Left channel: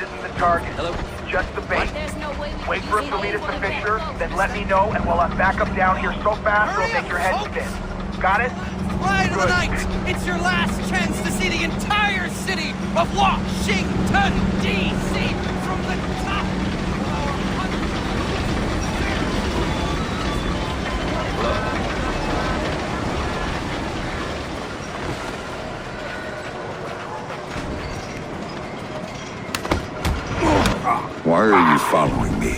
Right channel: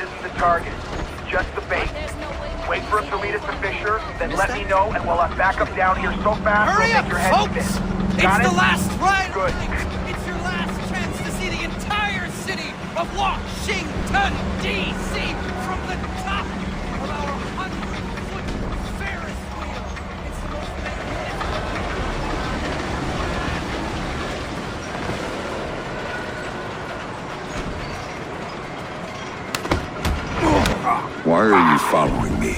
isn't the target. He's just the bait. Wait for him to lead us to Fisher, then let me know, and we'll have backup down here so fast it'll make your head spin. Got it? It's the last ride of the Good. night. It's your last chance to see the entire city of Washington. Why are you following me?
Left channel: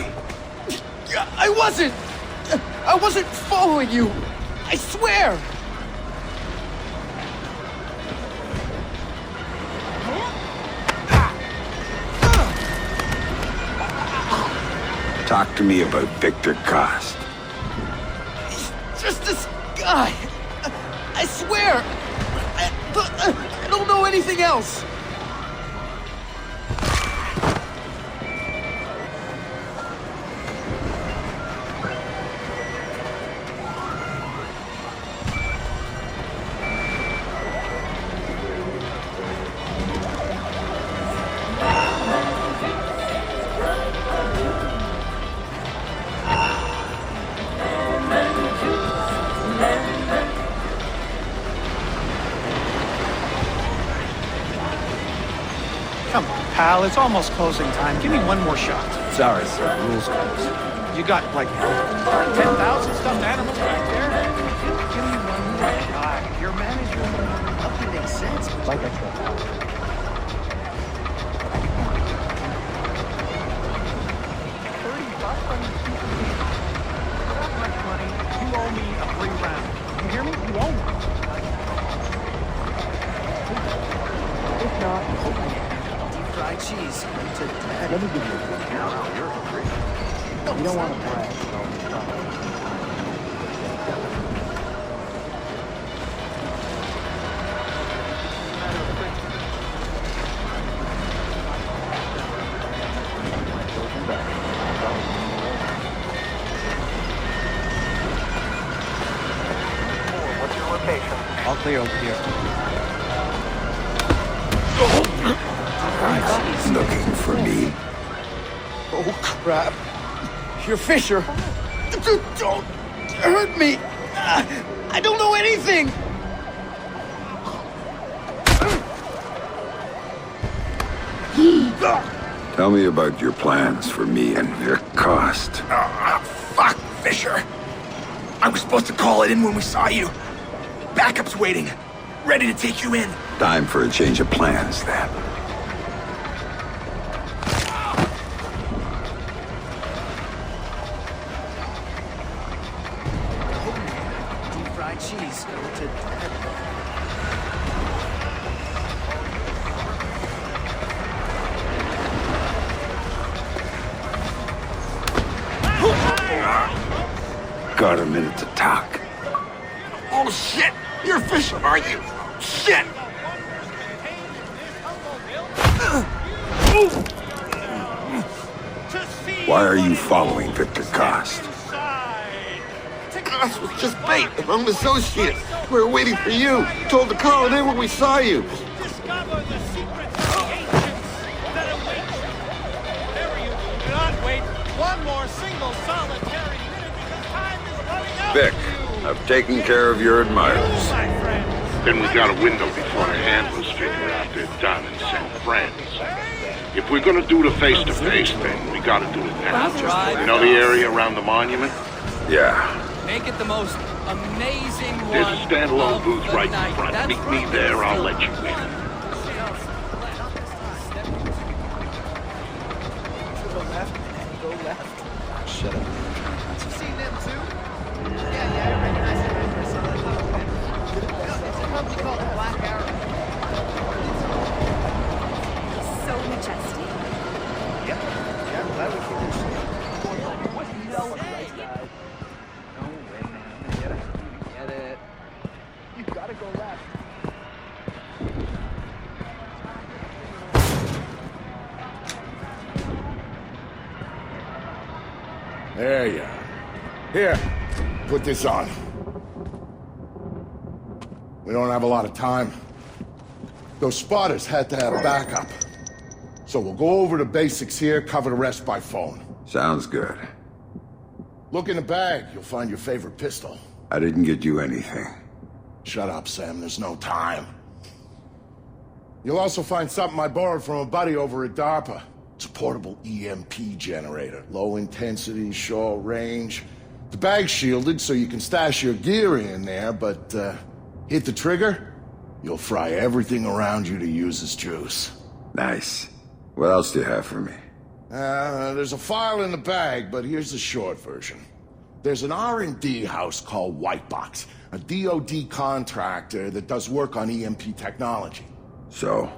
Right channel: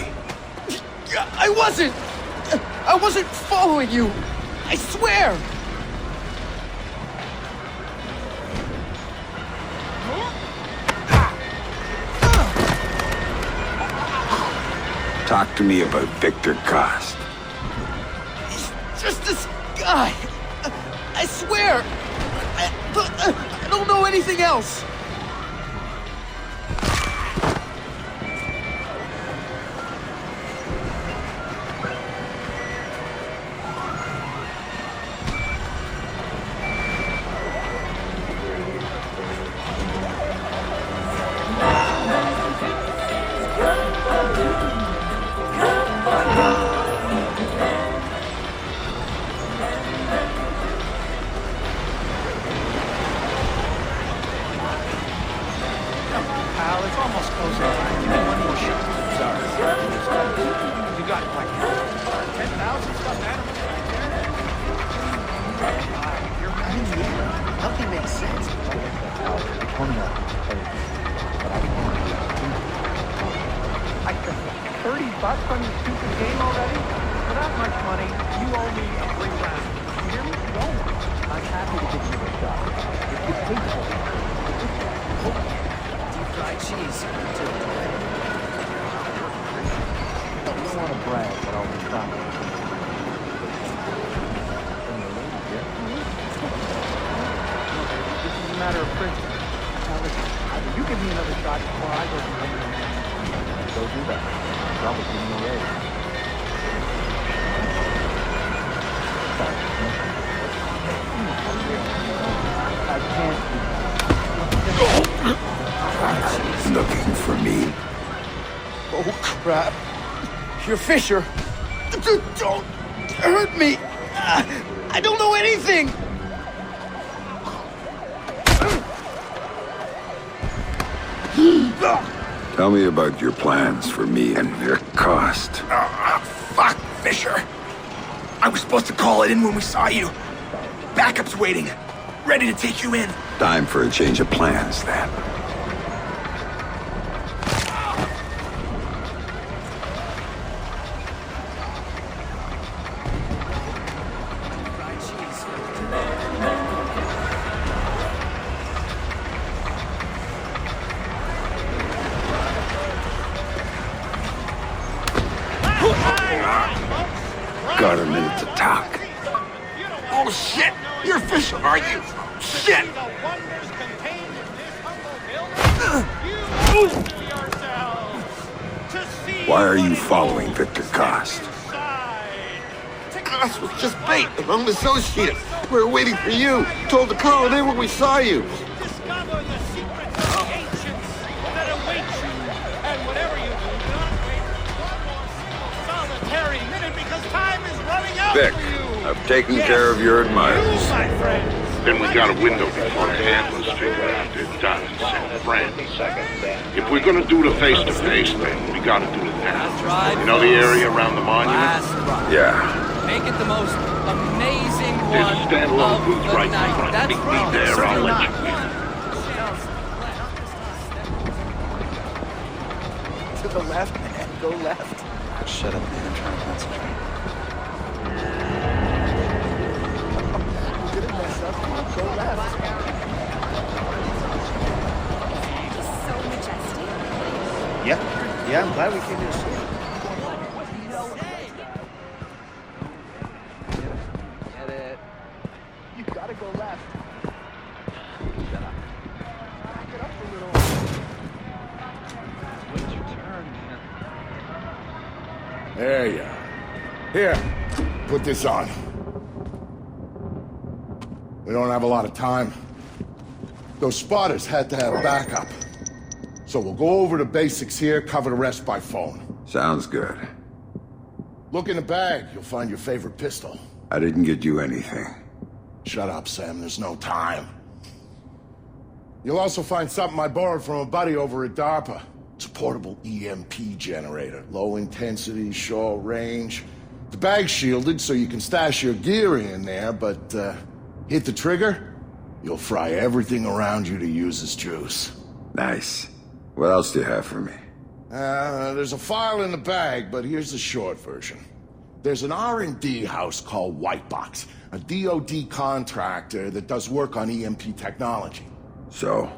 I wasn't following you. I swear. Talk to me about Victor Cost. He's just this guy. I swear. I don't know anything else. Pal, it's almost close on time. Give me one more shot. Sorry. You got like 10,000. Like I said, pal, one more. I spent $30 on your stupid game already? It's hateful. If not, let me give you a good count. You don't want to brag, but I'll be trying sometime. Bring the lady here. No, baby, this is a matter of principle. Now listen, either you give me another shot or I go become your man. Go do that. Probably give me a raise. What's your location? I'll clear over here. Looking for me? Oh, crap. You're Fisher. Don't hurt me. I don't know anything. Tell me about your plans for me and Vic Cost. Fuck, Fisher. I was supposed to call it in when we saw you. Backup's waiting. Ready to take you in. Time for a change of plans, then. Got a minute to talk. Oh, shit! You're Fisher, are you? Shit! Why are you following Victor Cost? Cost was just bait, an own associate. We were waiting for you. Told to call it in when we saw you. And whatever you do not wait one more single solitary minute because time is running out Vic, for you. I've taken care of your admirers. Then we got a window before the handlers figure out they're done and send friends. If we're gonna do the face-to-face thing, we gotta do it now. Last ride, You know the folks. area around the monument? Last ride. Yeah. There's a standalone booth right in front. Meet me there, I'll let you in. Just so majestic. Yeah. There you are. Here, put this on. We don't have a lot of time. Those spotters had to have backup. So we'll go over the basics here, cover the rest by phone. Sounds good. Look in the bag, you'll find your favorite pistol. I didn't get you anything. Shut up, Sam, there's no time. You'll also find something I borrowed from a buddy over at DARPA. It's a portable EMP generator. Low intensity, short range. The bag's shielded so you can stash your gear in there, but hit the trigger, you'll fry everything around you to use as juice. Nice. What else do you have for me? There's a file in the bag, but here's the short version. There's an R&D house called Whitebox, a DoD contractor that does work on EMP technology. So,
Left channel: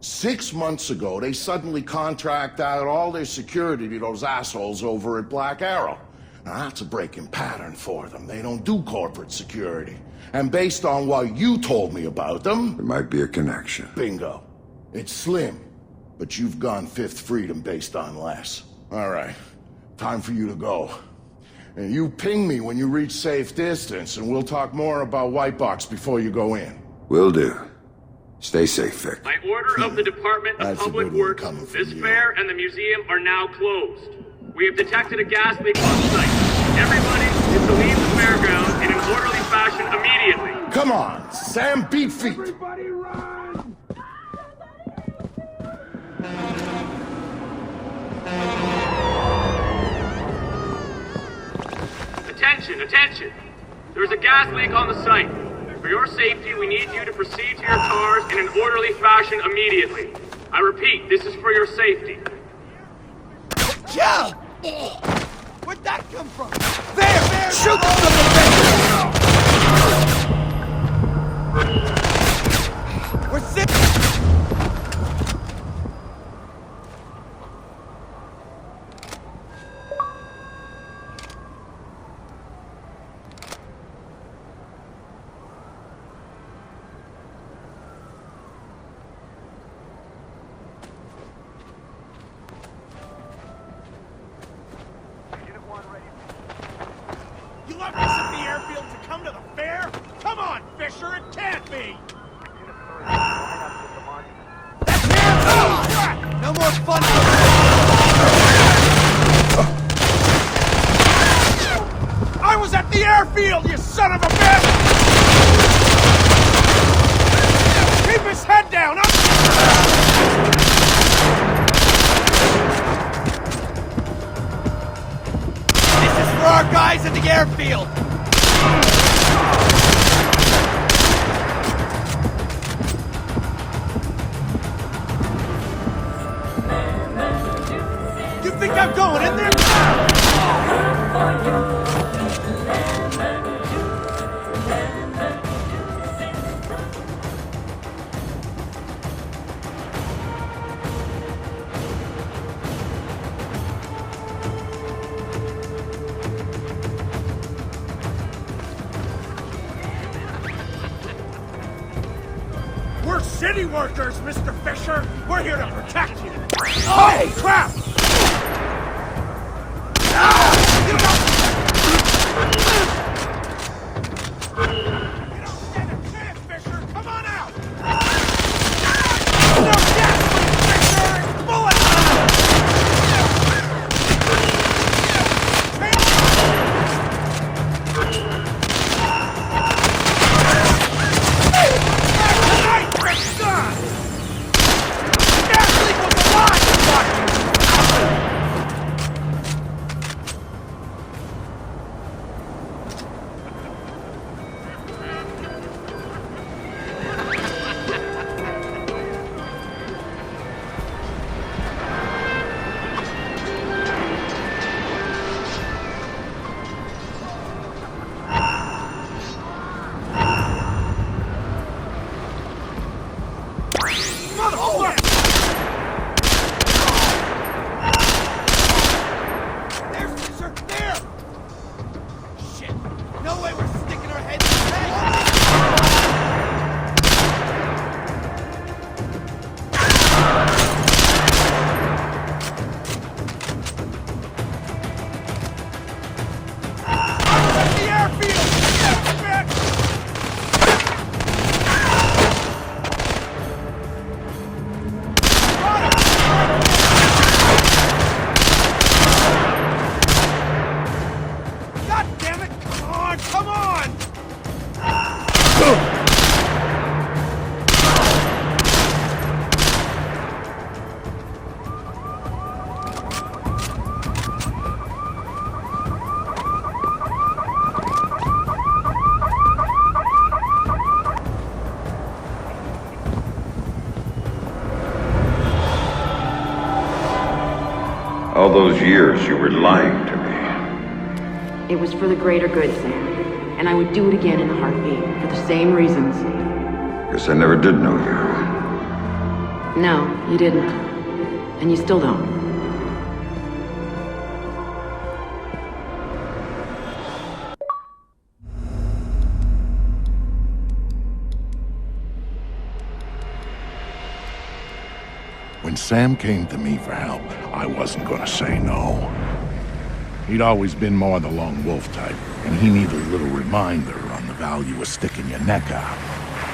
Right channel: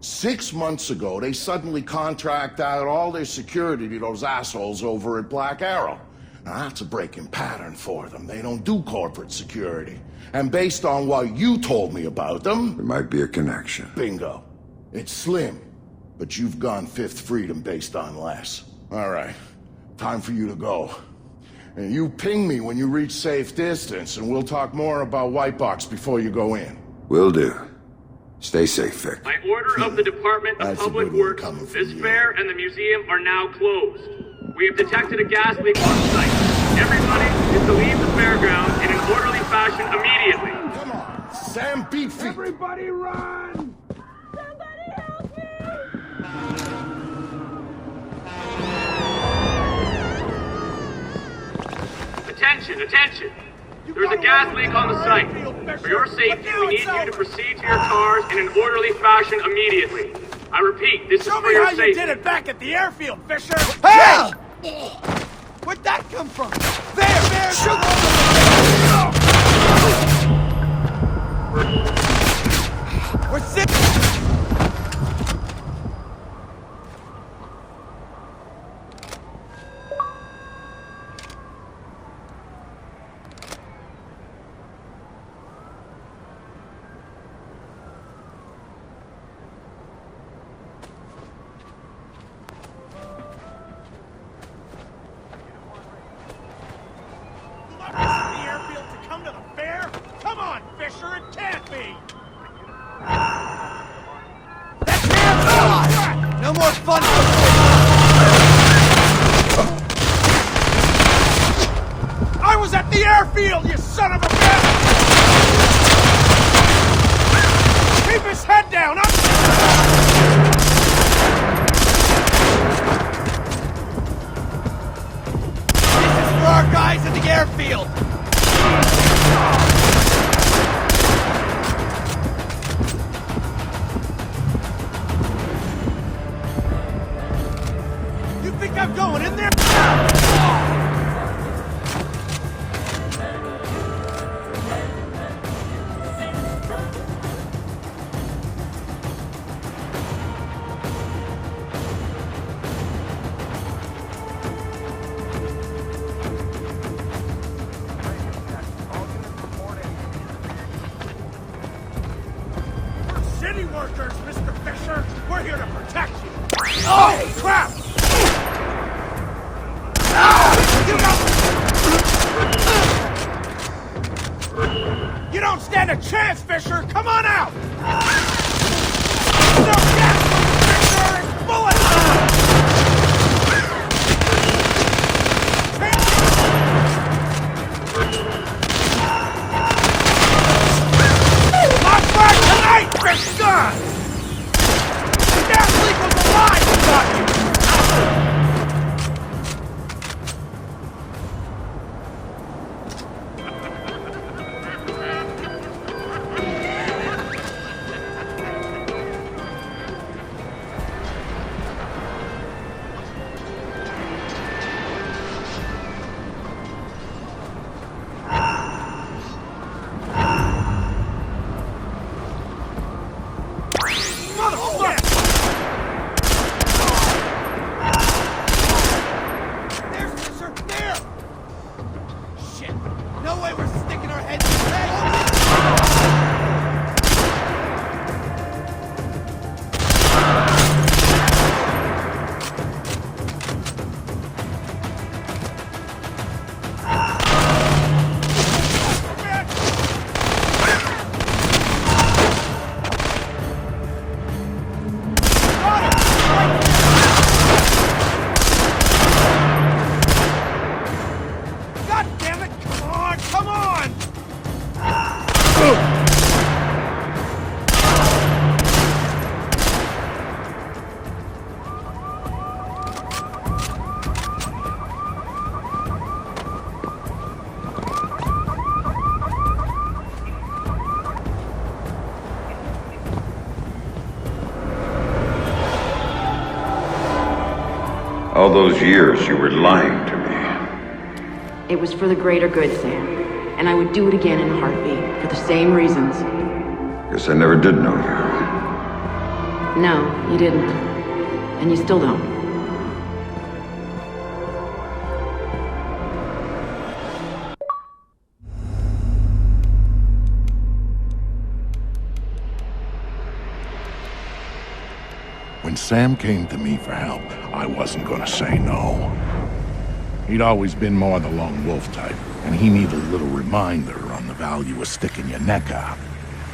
6 months ago, they suddenly contract out all their security to those assholes over at Black Arrow. Now, that's a breaking pattern for them. They don't do corporate security. And based on what you told me about them... there might be a connection. Bingo. It's slim, but you've gone Fifth Freedom based on less. All right, time for you to go. And you ping me when you reach safe distance, and we'll talk more about Whitebox before you go in. Will do. Stay safe, Vic. By order of the Department of Public Works, this fair and the museum are now closed. We have detected a gas leak on site. Everybody is to leave the fairground in an orderly fashion immediately. Come on, Sam, beat feet. Everybody run! Somebody help me! Attention, attention! There's a gas leak on the site. For your safety, we need you to proceed to your cars in an orderly fashion immediately. I repeat, this is for your safety. You did it back at the airfield, Fisher. Hey! Where'd that come from? There! Shoot the little bitch! We're sick! You left us at the airfield to come to the fair? Come on, Fisher, it can't be! Unit 3, line up with the monument. That's him! Oh, crap! No more fun, I was at the airfield, you son of a bitch! Keep his head down! This is for our guys at the airfield! You think I'm going in there? We're city workers, Mr. Fisher. We're here to protect you. Oh, crap! You don't stand a chance, Fisher! Come on out! Not back tonight, Fisher! The gas leak was alive, I thought you! There's Fisher! There! Shit! No way we're sticking our heads in the bag! suppose you were lying to me. It was for the greater good, Sam. And I would do it again in a heartbeat, for the same reasons. Guess I never did know you. No, you did not. And you still don't. When Sam came to me for help, I wasn't gonna say no. He'd always been more the lone wolf type, and he needed a little reminder on the value of sticking your neck out.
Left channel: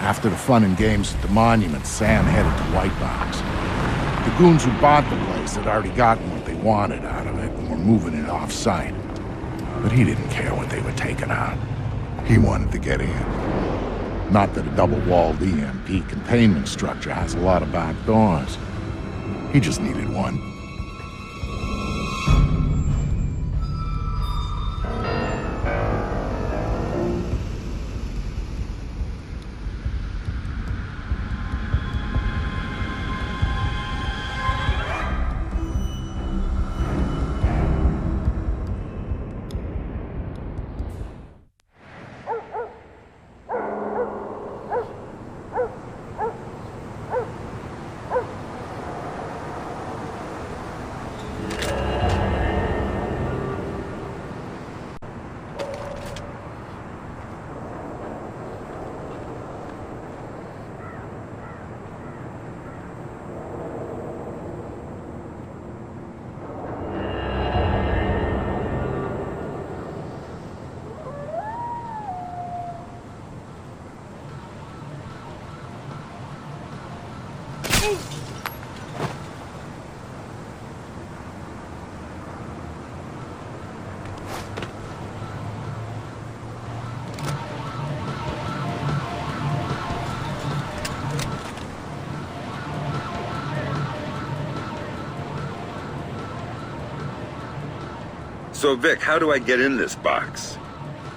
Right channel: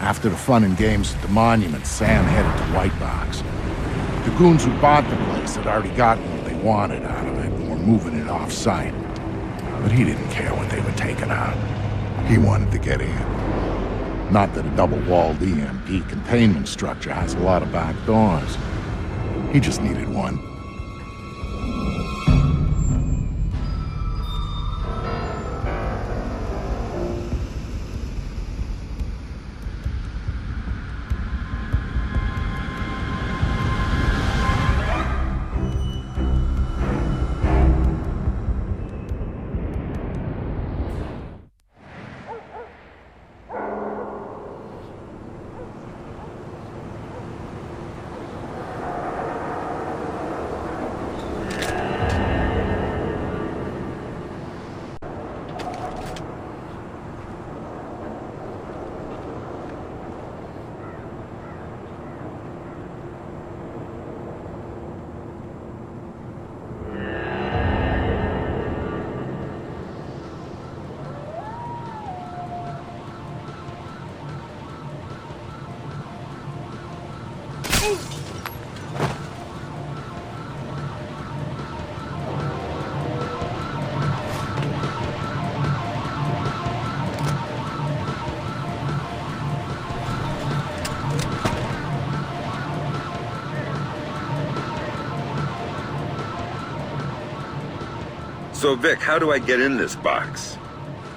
After the fun and games at the monument, Sam headed to White Box. The goons who bought the place had already gotten what they wanted out of it and were moving it off-site. But he didn't care what they were taking out. He wanted to get in. Not that a double-walled EMP containment structure has a lot of back doors. He just needed one. So, Vic, how do I get in this box?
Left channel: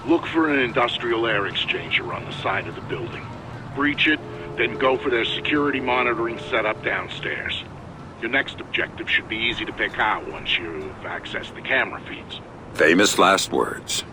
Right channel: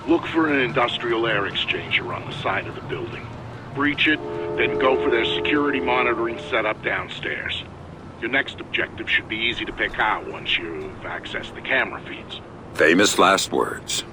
Look for an industrial air exchanger on the side of the building. Breach it, then go for their security monitoring setup downstairs. Your next objective should be easy to pick out once you've accessed the camera feeds. Famous last words.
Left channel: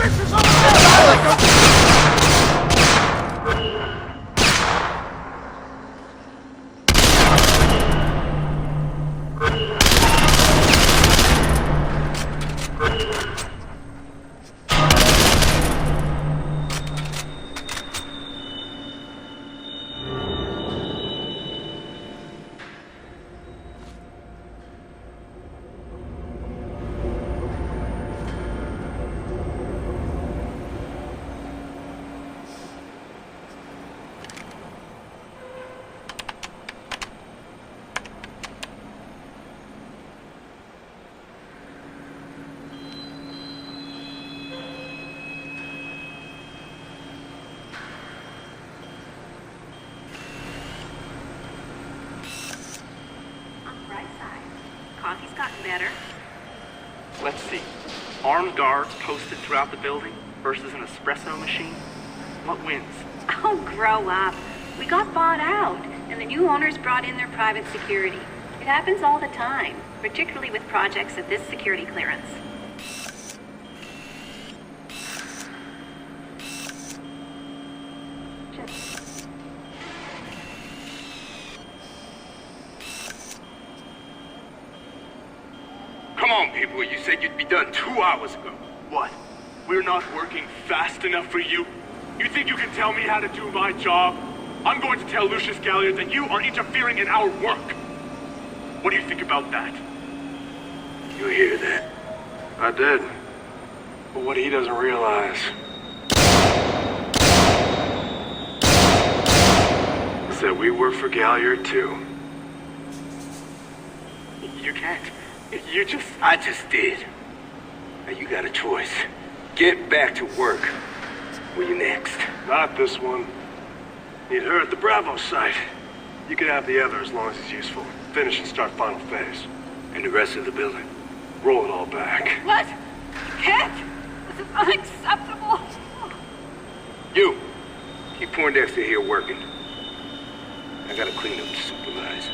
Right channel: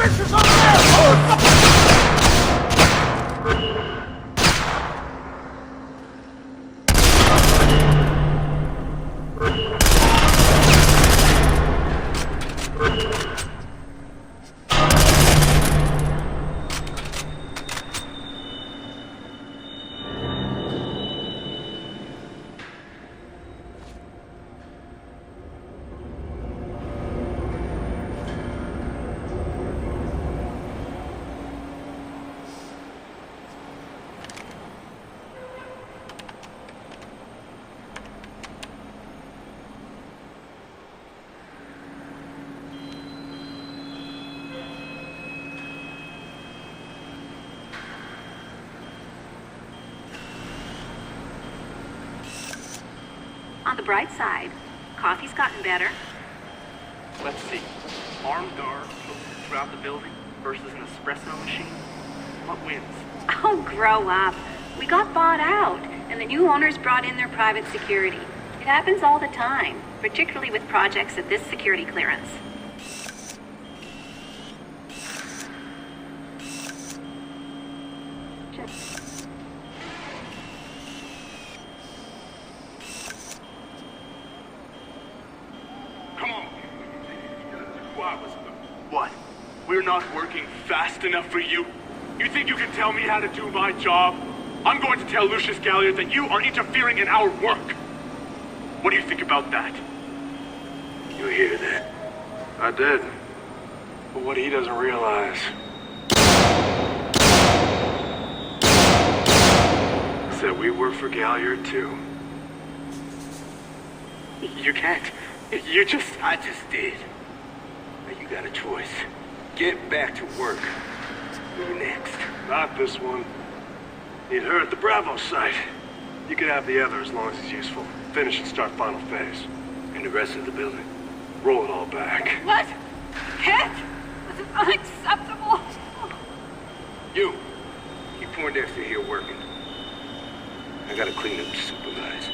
Fisher's over there! On the bright side, coffee's gotten better. Let's see. Armed guards posted throughout the building versus an espresso machine. What wins? Oh, grow up. We got bought out, and the new owners brought in their private security. It happens all the time, particularly with projects at this security clearance. Come on, people. You said you'd be done 2 hours ago. What? We're not working fast enough for you? You think you can tell me how to do my job? I'm going to tell Lucius Galliard that you are interfering in our work. What do you think about that? You hear that? I did. But what he doesn't realize is that we work for Galliard too. You can't. You just... I just did. Now you got a choice. Get back to work. Where you next? Not this one. Need her at the Bravo site. You can have the other as long as it's useful. Finish and start final phase. And the rest of the building? Roll it all back. What? You can't! This is unacceptable! You! Keep Poindexter here working. I gotta clean up to supervise.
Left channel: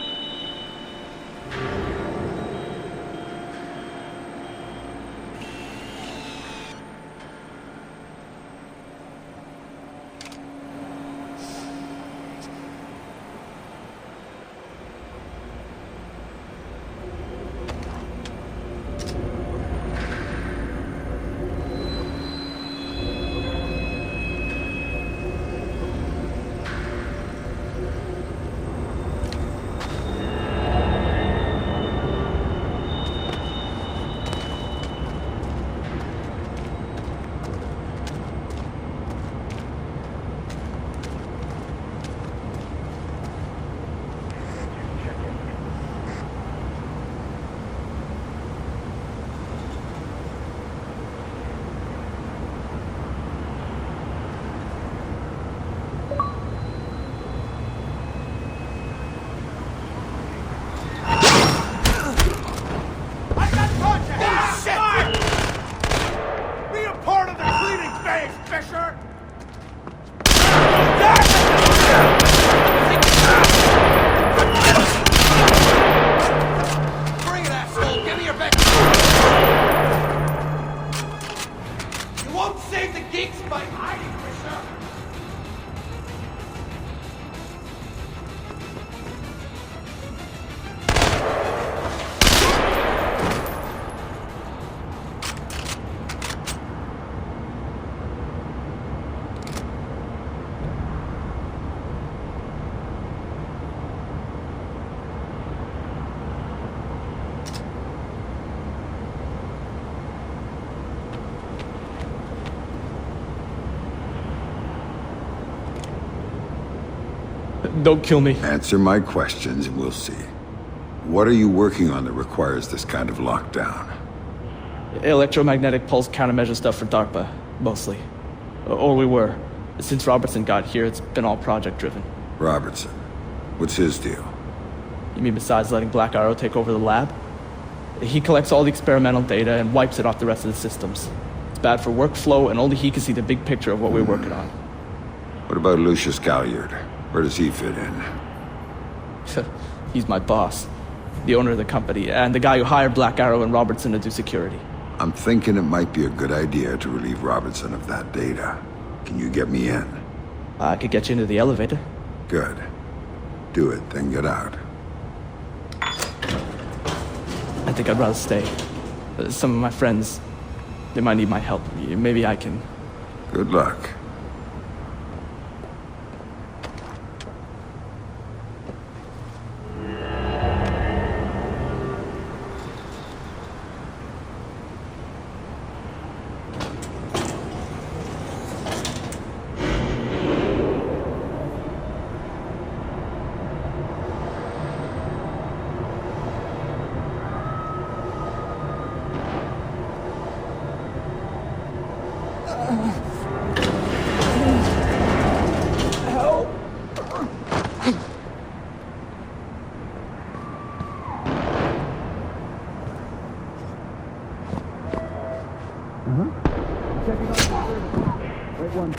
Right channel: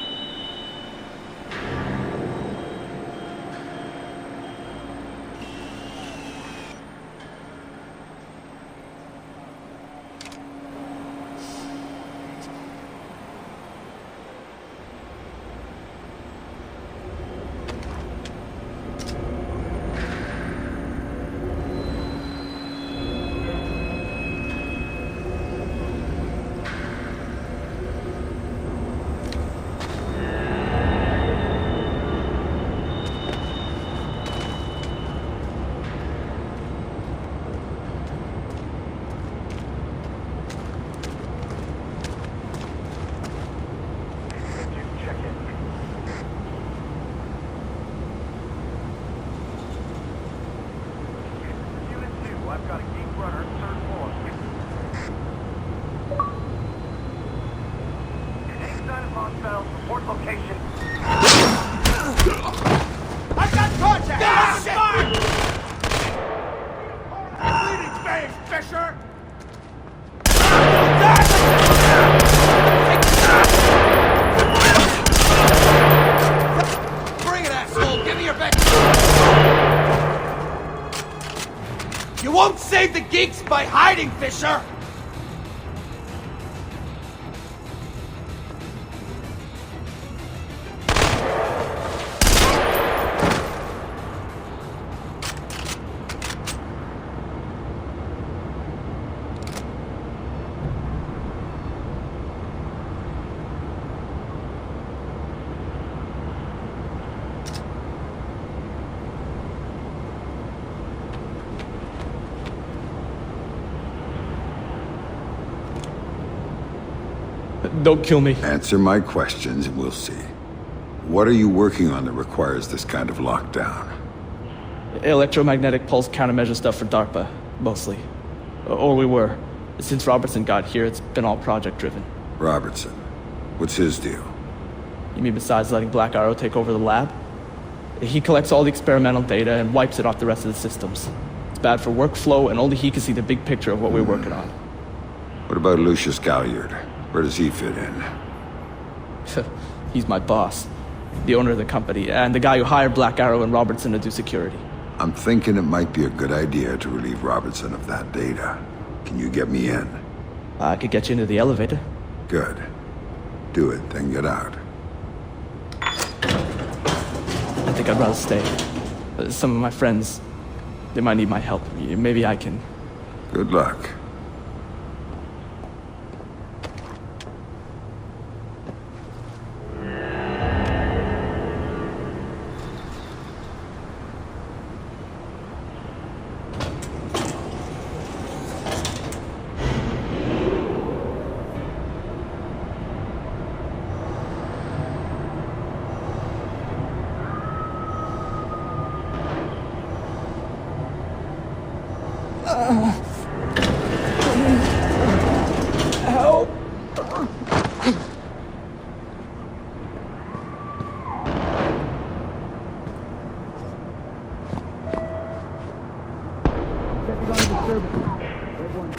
You won't save the geeks by hiding, Fisher! don't kill me. Answer my questions and we'll see. What are you working on that requires this kind of lockdown? Electromagnetic pulse countermeasure stuff for DARPA, mostly. Or we were. Since Robertson got here, it's been all project-driven. Robertson? What's his deal? You mean besides letting Black Arrow take over the lab? He collects all the experimental data and wipes it off the rest of the systems. It's bad for workflow, and only he can see the big picture of what we're working on. What about Lucius Galliard? Where does he fit in? He's my boss. The owner of the company, and the guy who hired Black Arrow and Robertson to do security. I'm thinking it might be a good idea to relieve Robertson of that data. Can you get me in? I could get you into the elevator. Good. Do it, then get out. I think I'd rather stay. Some of my friends, they might need my help. Maybe I can... Good luck. Help! I'm checking on your services. Right one.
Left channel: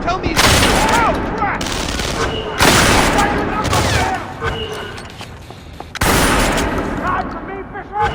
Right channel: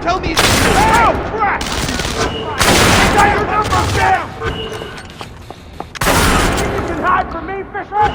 Tell me it's you! Oh, crap! Got your number down! Think you can hide from me, Fisher?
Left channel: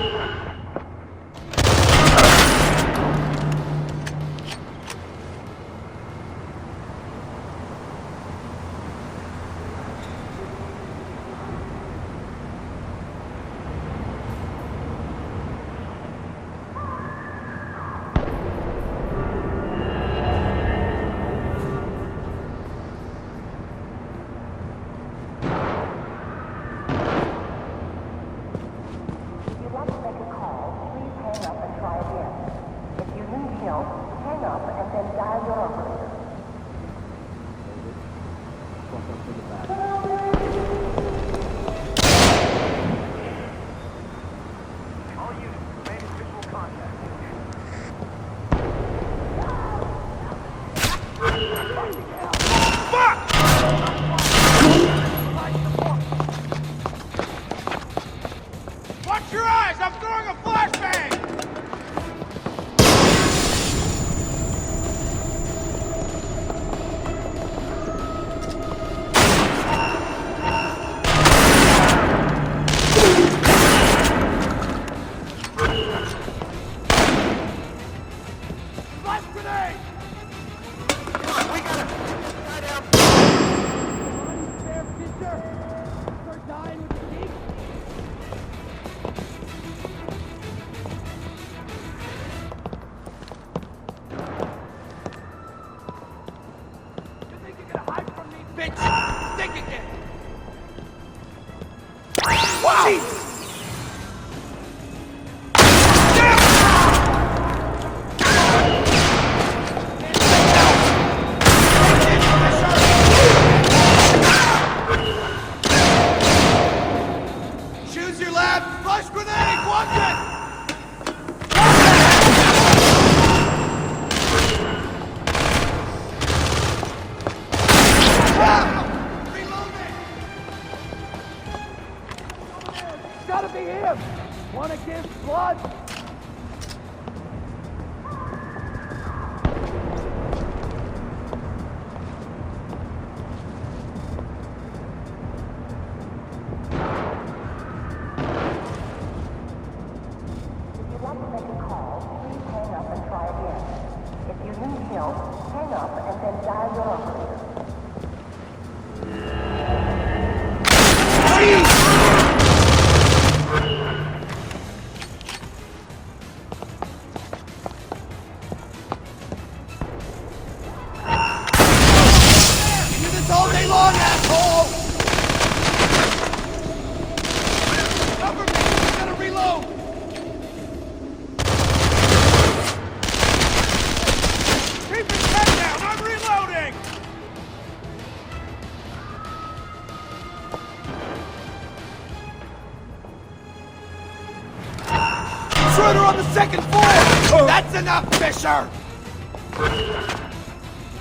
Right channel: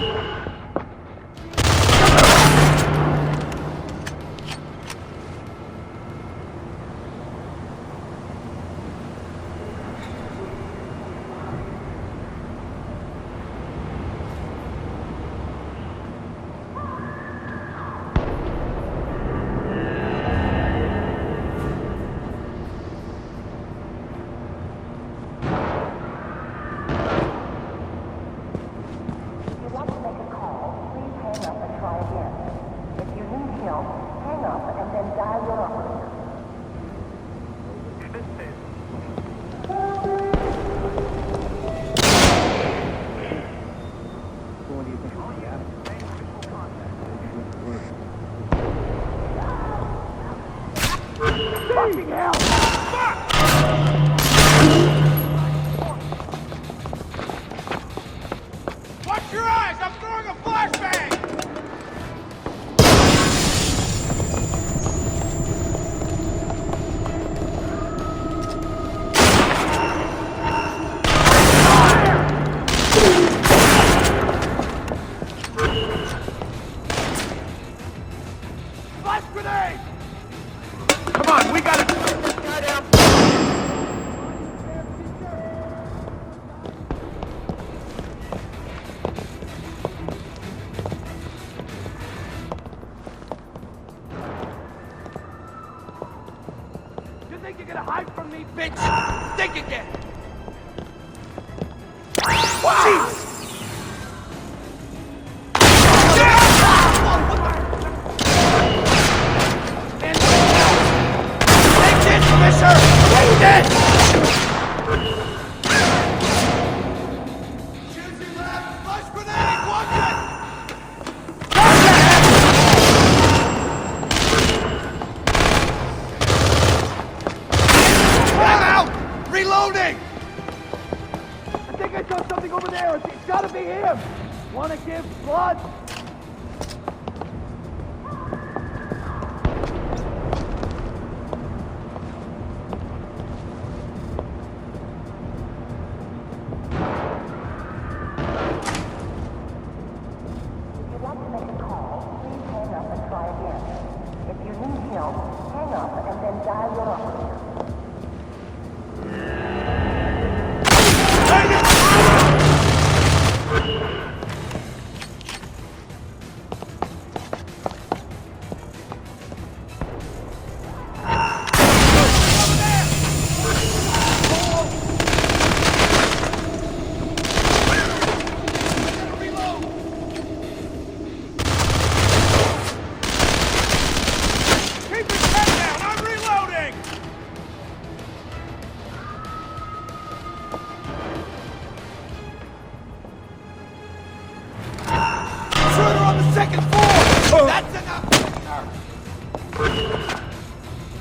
Fucking hell! Flash grenade! Come on, we got it! You think you're gonna hide from me? Think again! Wow! Choose your lab! Flash grenade! Watch it! Out! Reloading! I think I saw something over there. It's gotta be him! Wanna give blood? up, Fisher!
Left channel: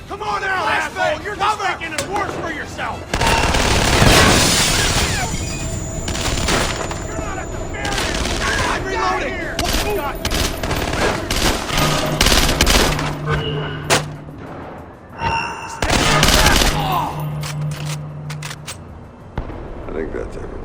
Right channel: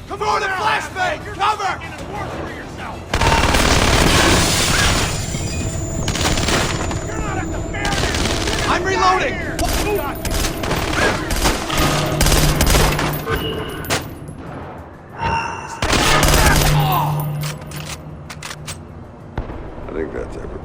Come on now, asshole! You're just making it worse for yourself! You're not at the fair now! I'm reloading! Got you! Stick your trap! Oh! I think that's everybody.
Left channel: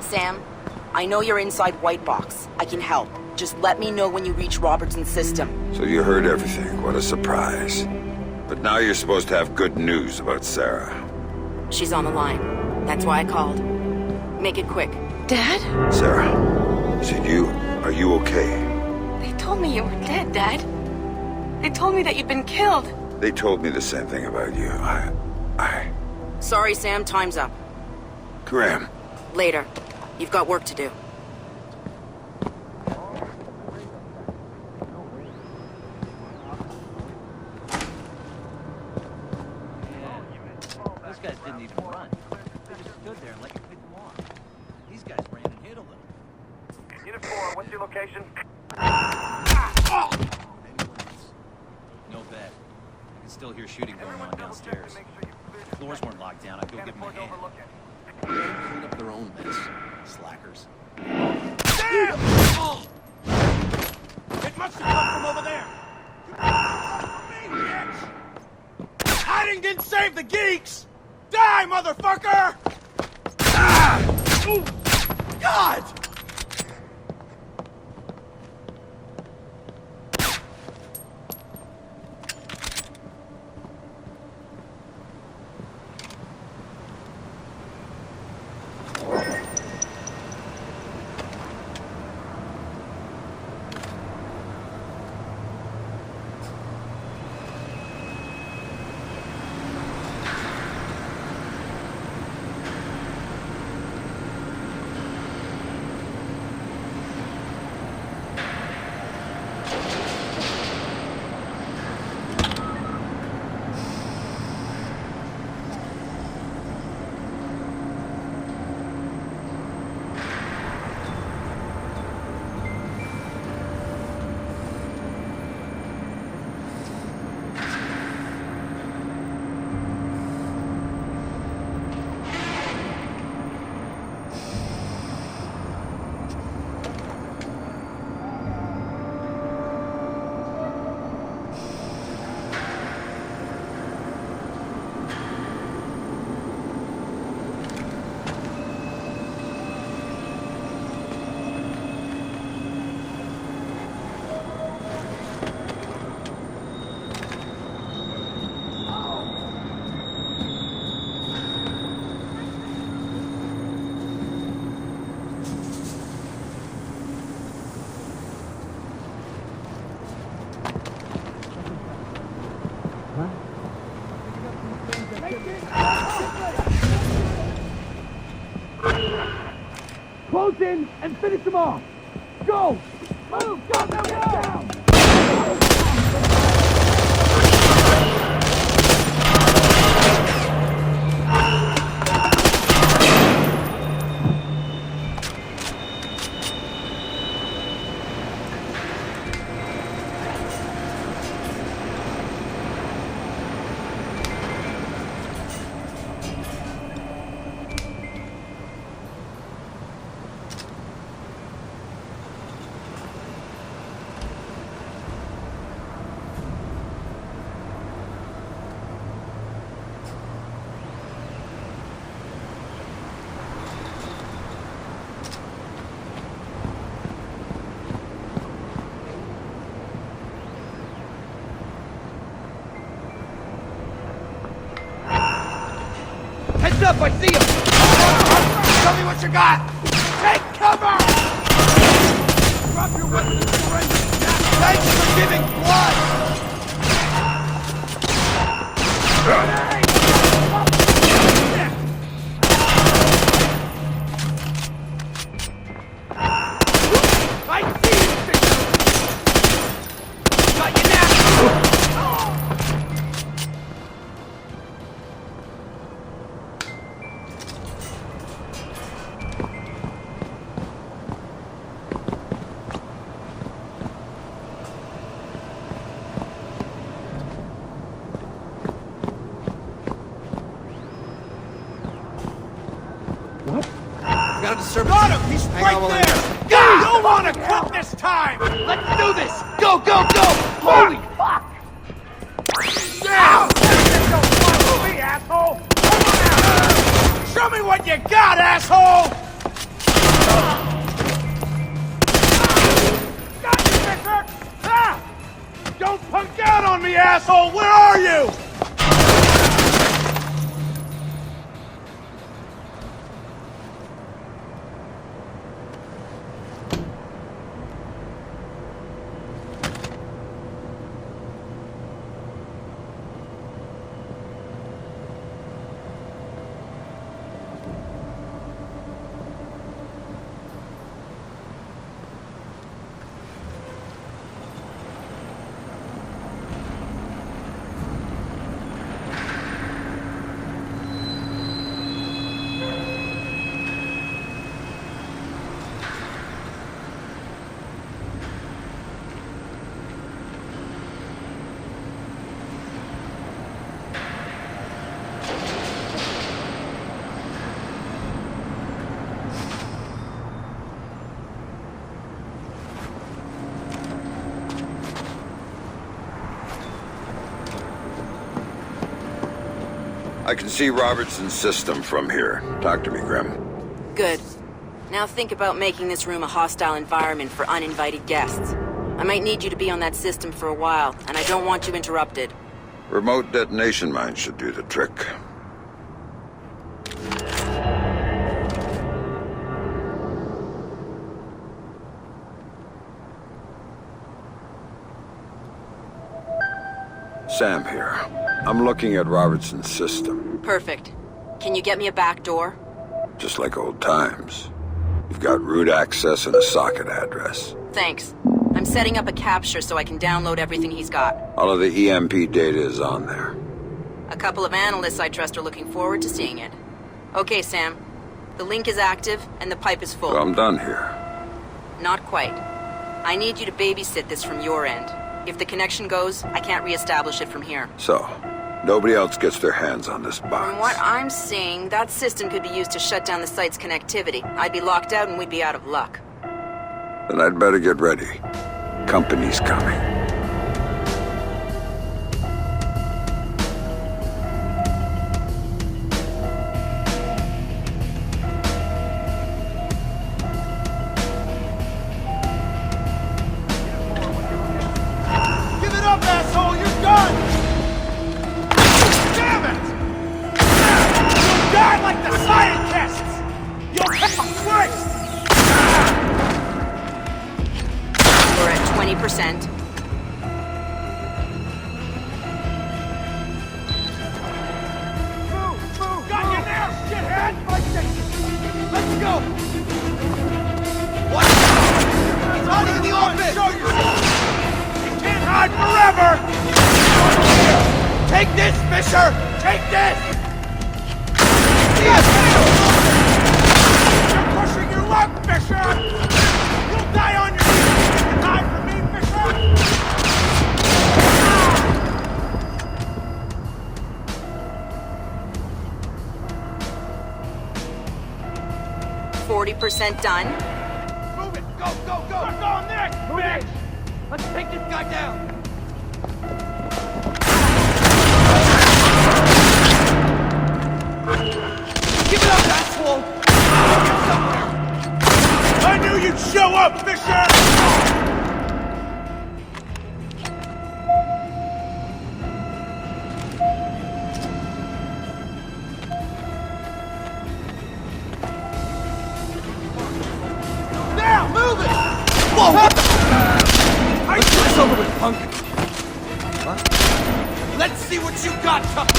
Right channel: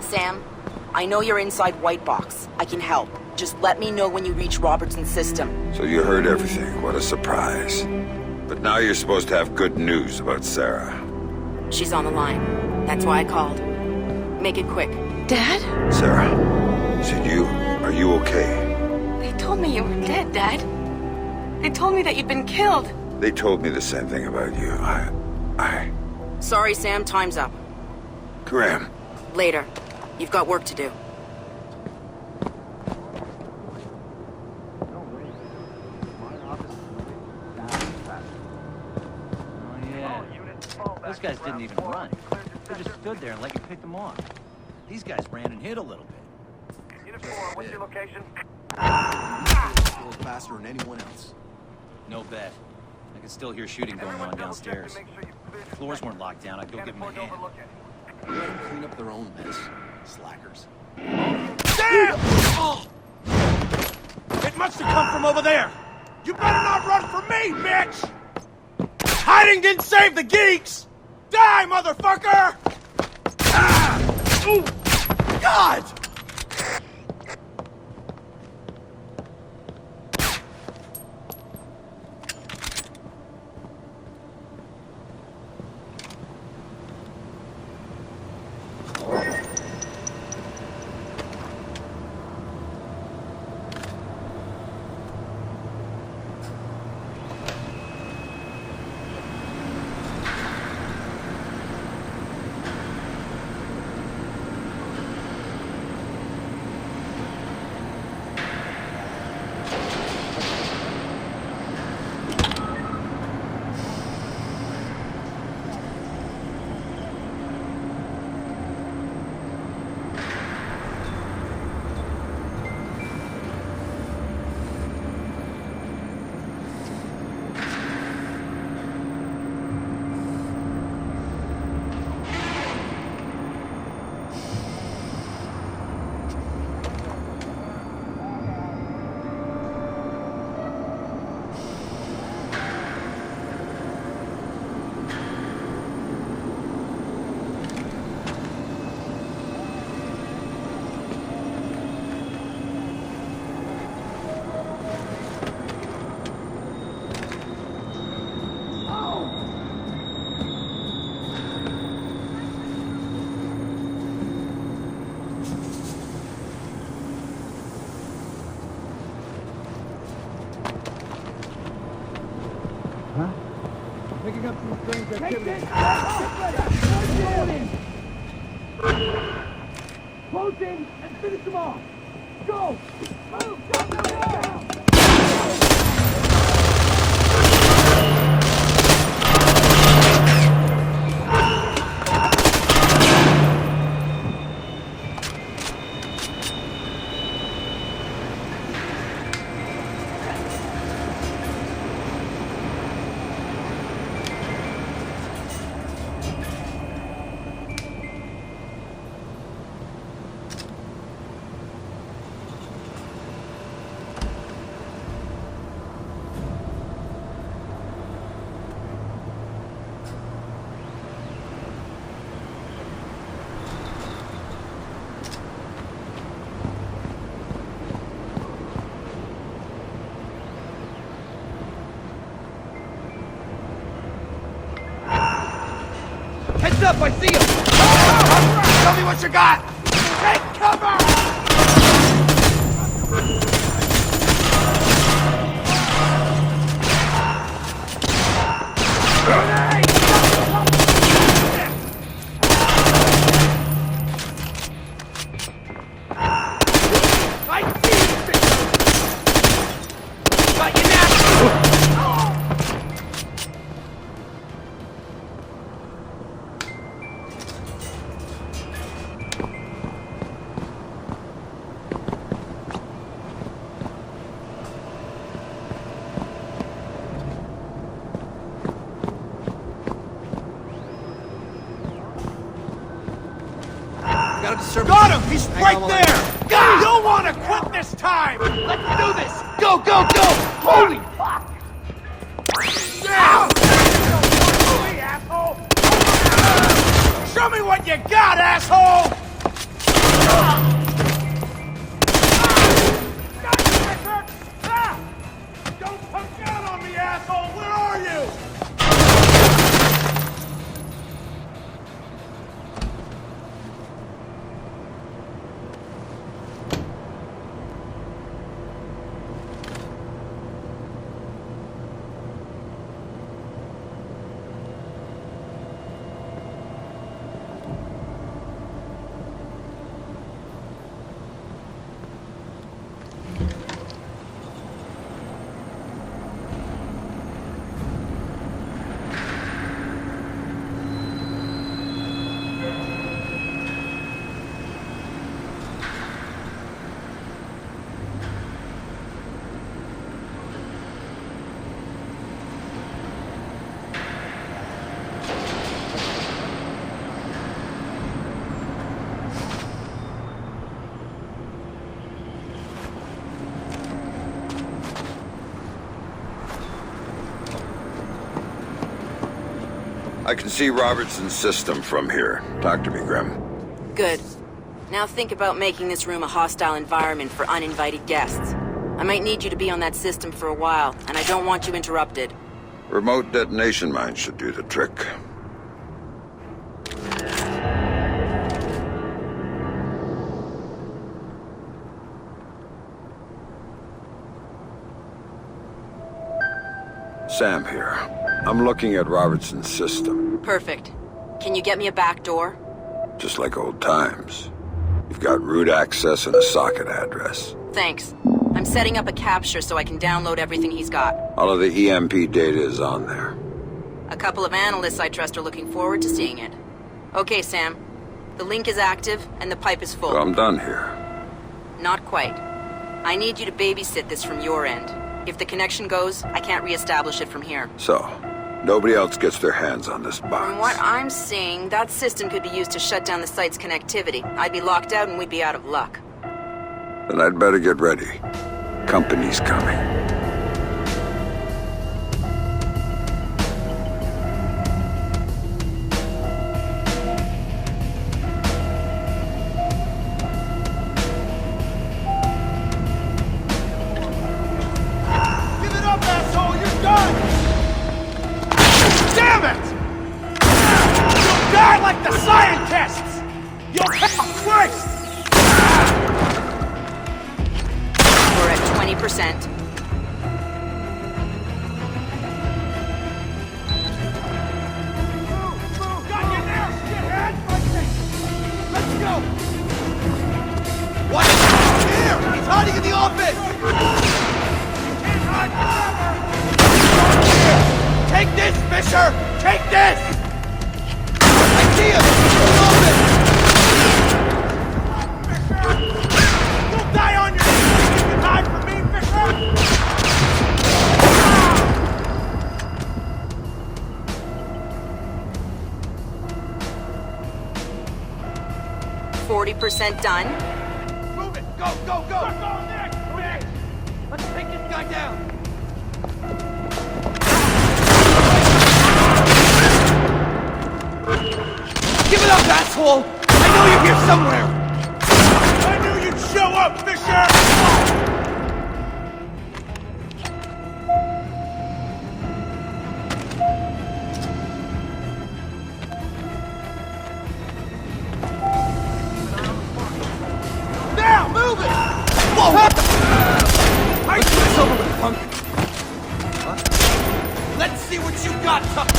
Sam, I know you're inside White Box. I can help. Just let me know when you reach Robertson's system. So you heard everything. What a surprise. But now you're supposed to have good news about Sarah. She's on the line. That's why I called. Make it quick. Dad? Sarah, is it you? Are you okay? They told me you were dead, Dad. They told me that you'd been killed. They told me the same thing about you. Sorry, Sam. Time's up. Graham. Later. You've got work to do. What's your location? Faster than anyone else. No bet. I can still hear shooting going on downstairs. If the floors weren't locked down, I'd go give them a hand. Let them clean up their own mess. Slackers. Damn! Oh. It must have come from over there. You better not run from me, bitch! Hiding didn't save the geeks! Die, motherfucker! Ah! Ooh. God! in and finish them off. Go! Move! Go! Down! Heads up, I see him! Tell me what you got! Take cover! Drop your weapon in the ring! Thanks for giving blood! Grenade! I see you, bitch! Got you now! Got a disturbance. Got him! He's right there! God! You don't want to quit this time! Let's do this! Go, go, go! Holy fuck! Now! Don't me, asshole! Show me what you got, asshole! Got you, Victor! Ah! Don't punk out on me, asshole! Where are you? I can see Robertson's system from here. Talk to me, Graham. Good. Now think about making this room a hostile environment for uninvited guests. I might need you to be on that system for a while, and I don't want you interrupted. Remote detonation mine should do the trick. Sam here. I'm looking at Robertson's system. Perfect. Can you get me a back door? Just like old times. You've got root access and a socket address. Thanks. I'm setting up a capture so I can download everything he's got. All of the EMP data is on there. A couple of analysts I trust are looking forward to seeing it. Okay, Sam. The link is active and the pipe is full. So I'm done here. Not quite. I need you to babysit this from your end. If the connection goes, I can't reestablish it from here. So, nobody else gets their hands on this box. From what I'm seeing, that system could be used to shut down the site's connectivity. I'd be locked out and we'd be out of luck. Then I'd better get ready. Company's coming. Give it up, asshole! You're done! Damn it! You'll die like the scientists! You'll pay Christ! We're at 20%. Move! Got you now, shithead! My section! Let's go! What? Here! He's hiding in the office! You can't hide forever! Over here! Take this, Fisher! Take this! I see him! He's in the office! You're pushing your luck, Fisher! You'll die on your knees if you can hide from me, Fisher! 40% done. Move it! Go, go, go! Suck on this, bitch! Let's take this guy down! Give it up, asshole! I know you're here somewhere! I knew you'd show up, Fisher! Now, move it! Whoa! What the? Let's get this over with, punk! What? Let's see what you got, tough.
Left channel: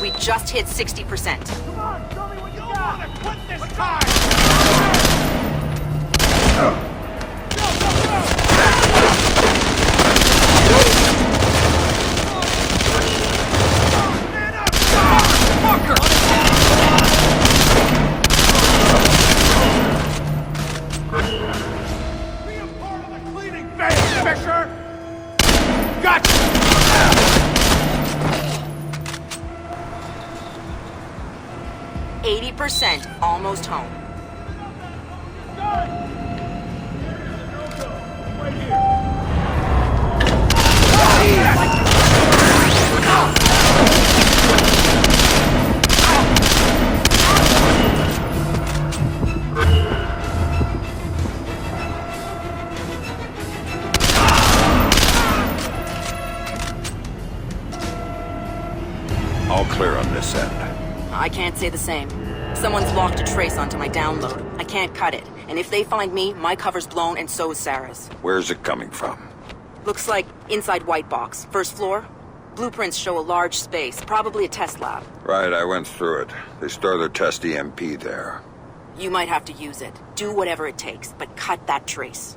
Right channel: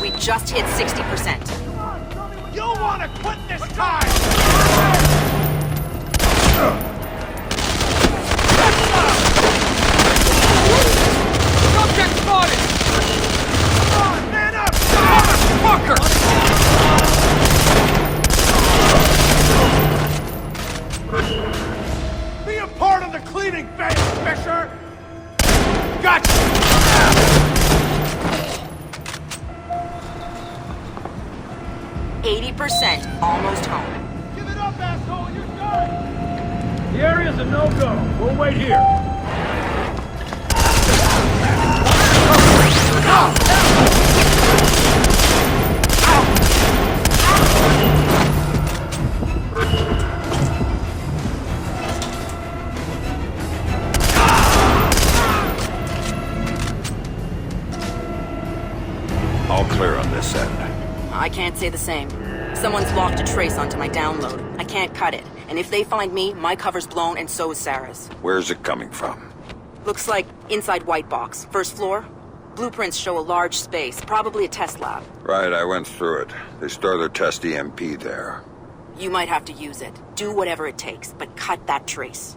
We just hit 60%. Come on, show me what you want to quit this time! Don't get spotted! Come on, man up! Fucker! Be a part of the cleaning phase, Fisher! Gotcha! 80%, almost home. Give it up, asshole! You're done! The area's a no-go. We'll wait here. All clear on this end. I can't say the same. Someone's locked a trace onto my download. I can't cut it. And if they find me, my cover's blown and so is Sarah's. Where's it coming from? Looks like inside White Box. First floor. Blueprints show a large space, probably a test lab. Right, I went through it. They store their test EMP there. You might have to use it. Do whatever it takes, but cut that trace.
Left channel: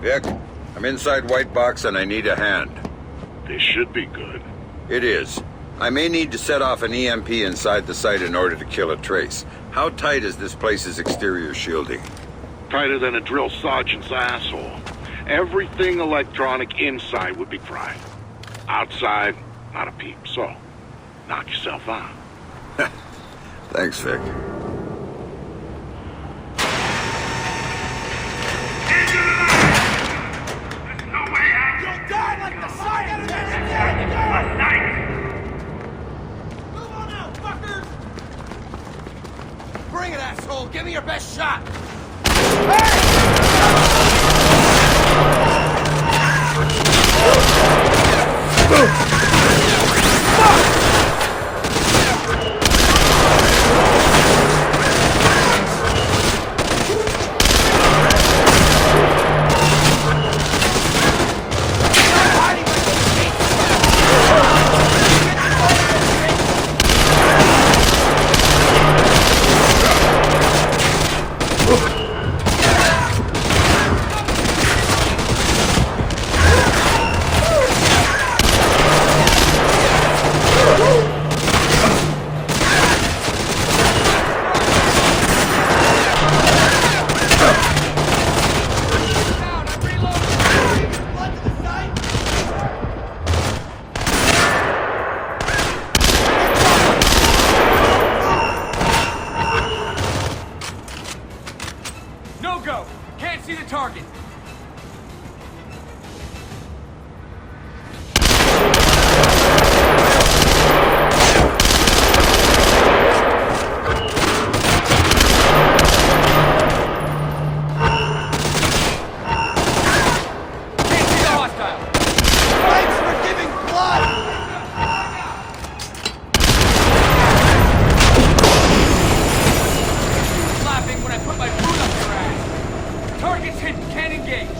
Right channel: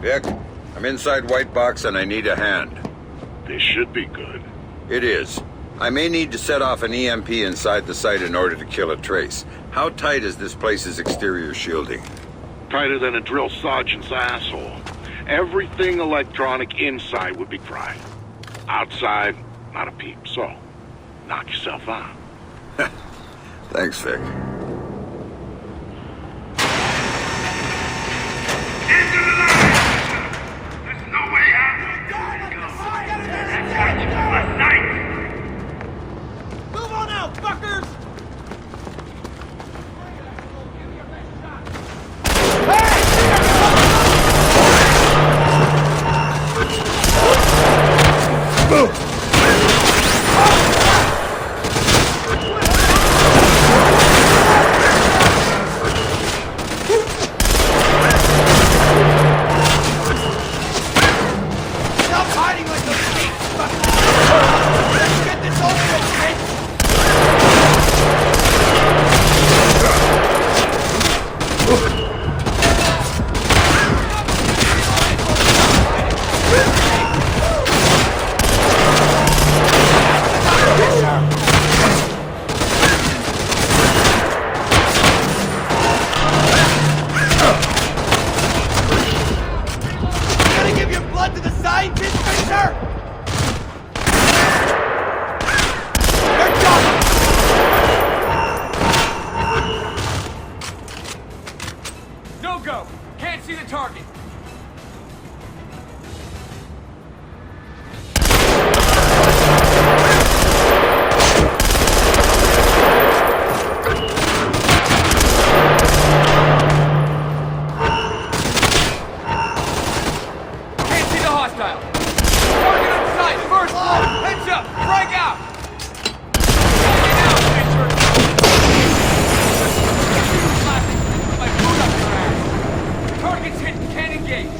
Vic, I'm inside White Box and I need a hand. This should be good. It is. I may need to set off an EMP inside the site in order to kill a trace. How tight is this place's exterior shielding? Tighter than a drill sergeant's asshole. Everything electronic inside would be fried. Outside, not a peep. So, knock yourself out. Thanks, Vic. Into the line! There's no way out! You'll die like the side of this! Move on out, fuckers! Bring it, asshole! Give me your best shot! Stop hiding like those geeks! Let's get this over with, bitch! Give your blood to the scientists, sir! Engage!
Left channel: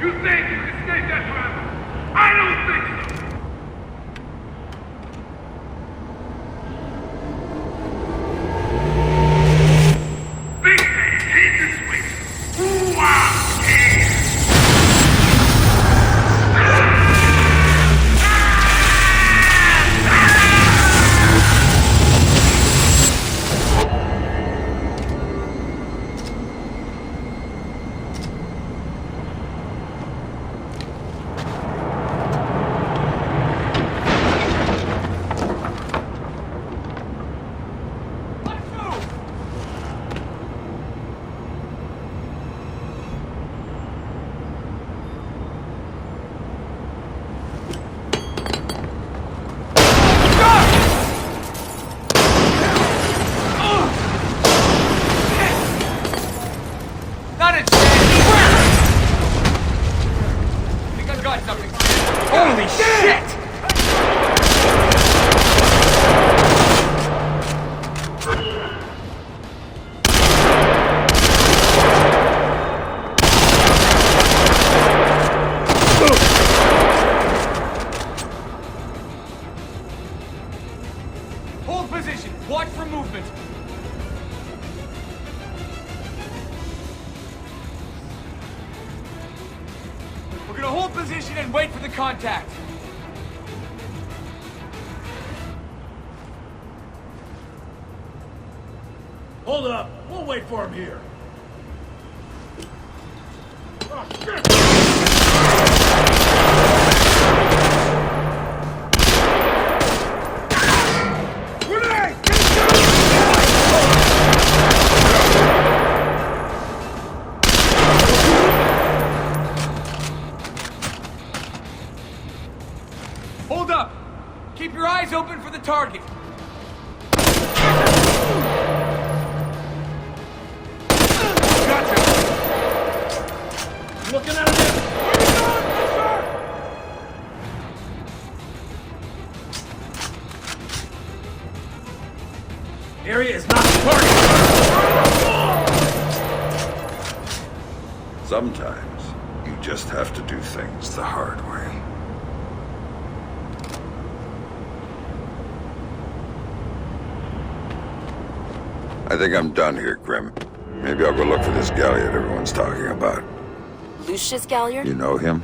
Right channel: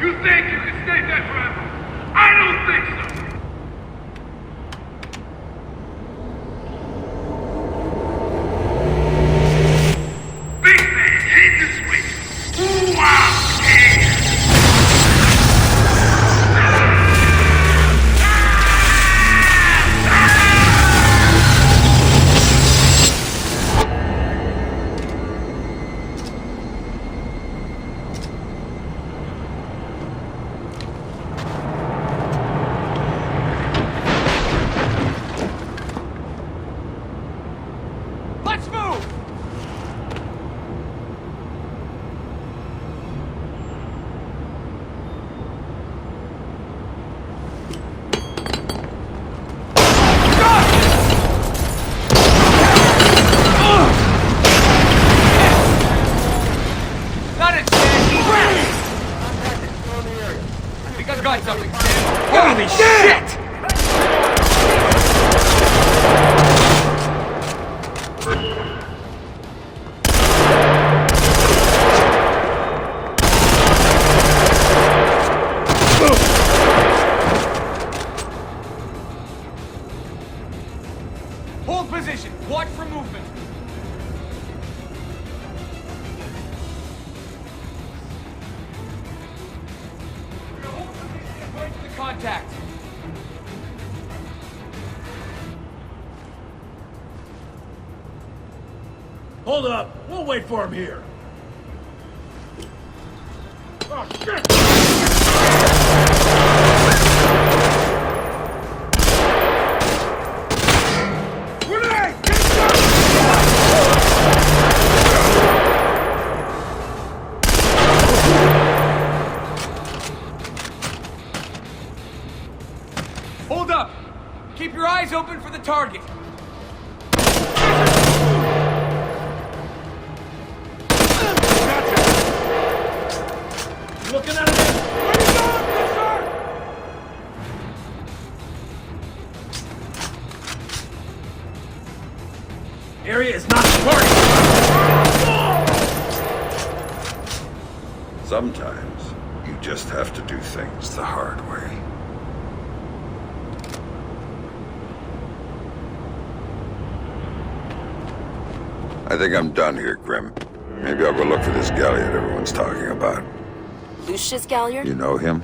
You think you can stay dead forever? I don't think so! Big man, hit the switch! Wow, yeah! Got something, Sam. Holy shit! Hold position. Watch for movement. Hold position and wait for the contact. Hold up. We'll wait for him here. Oh, shit! Grenade! Get down! Hold up! Keep your eyes open for the target. Gotcha! Looking at him! Where you going, Fisher? Area is not the target! Sometimes, you just have to do things the hard way. I think I'm done here, Grim. Maybe I'll go look for this Galliard everyone's talking about. Lucius Galliard? You know him?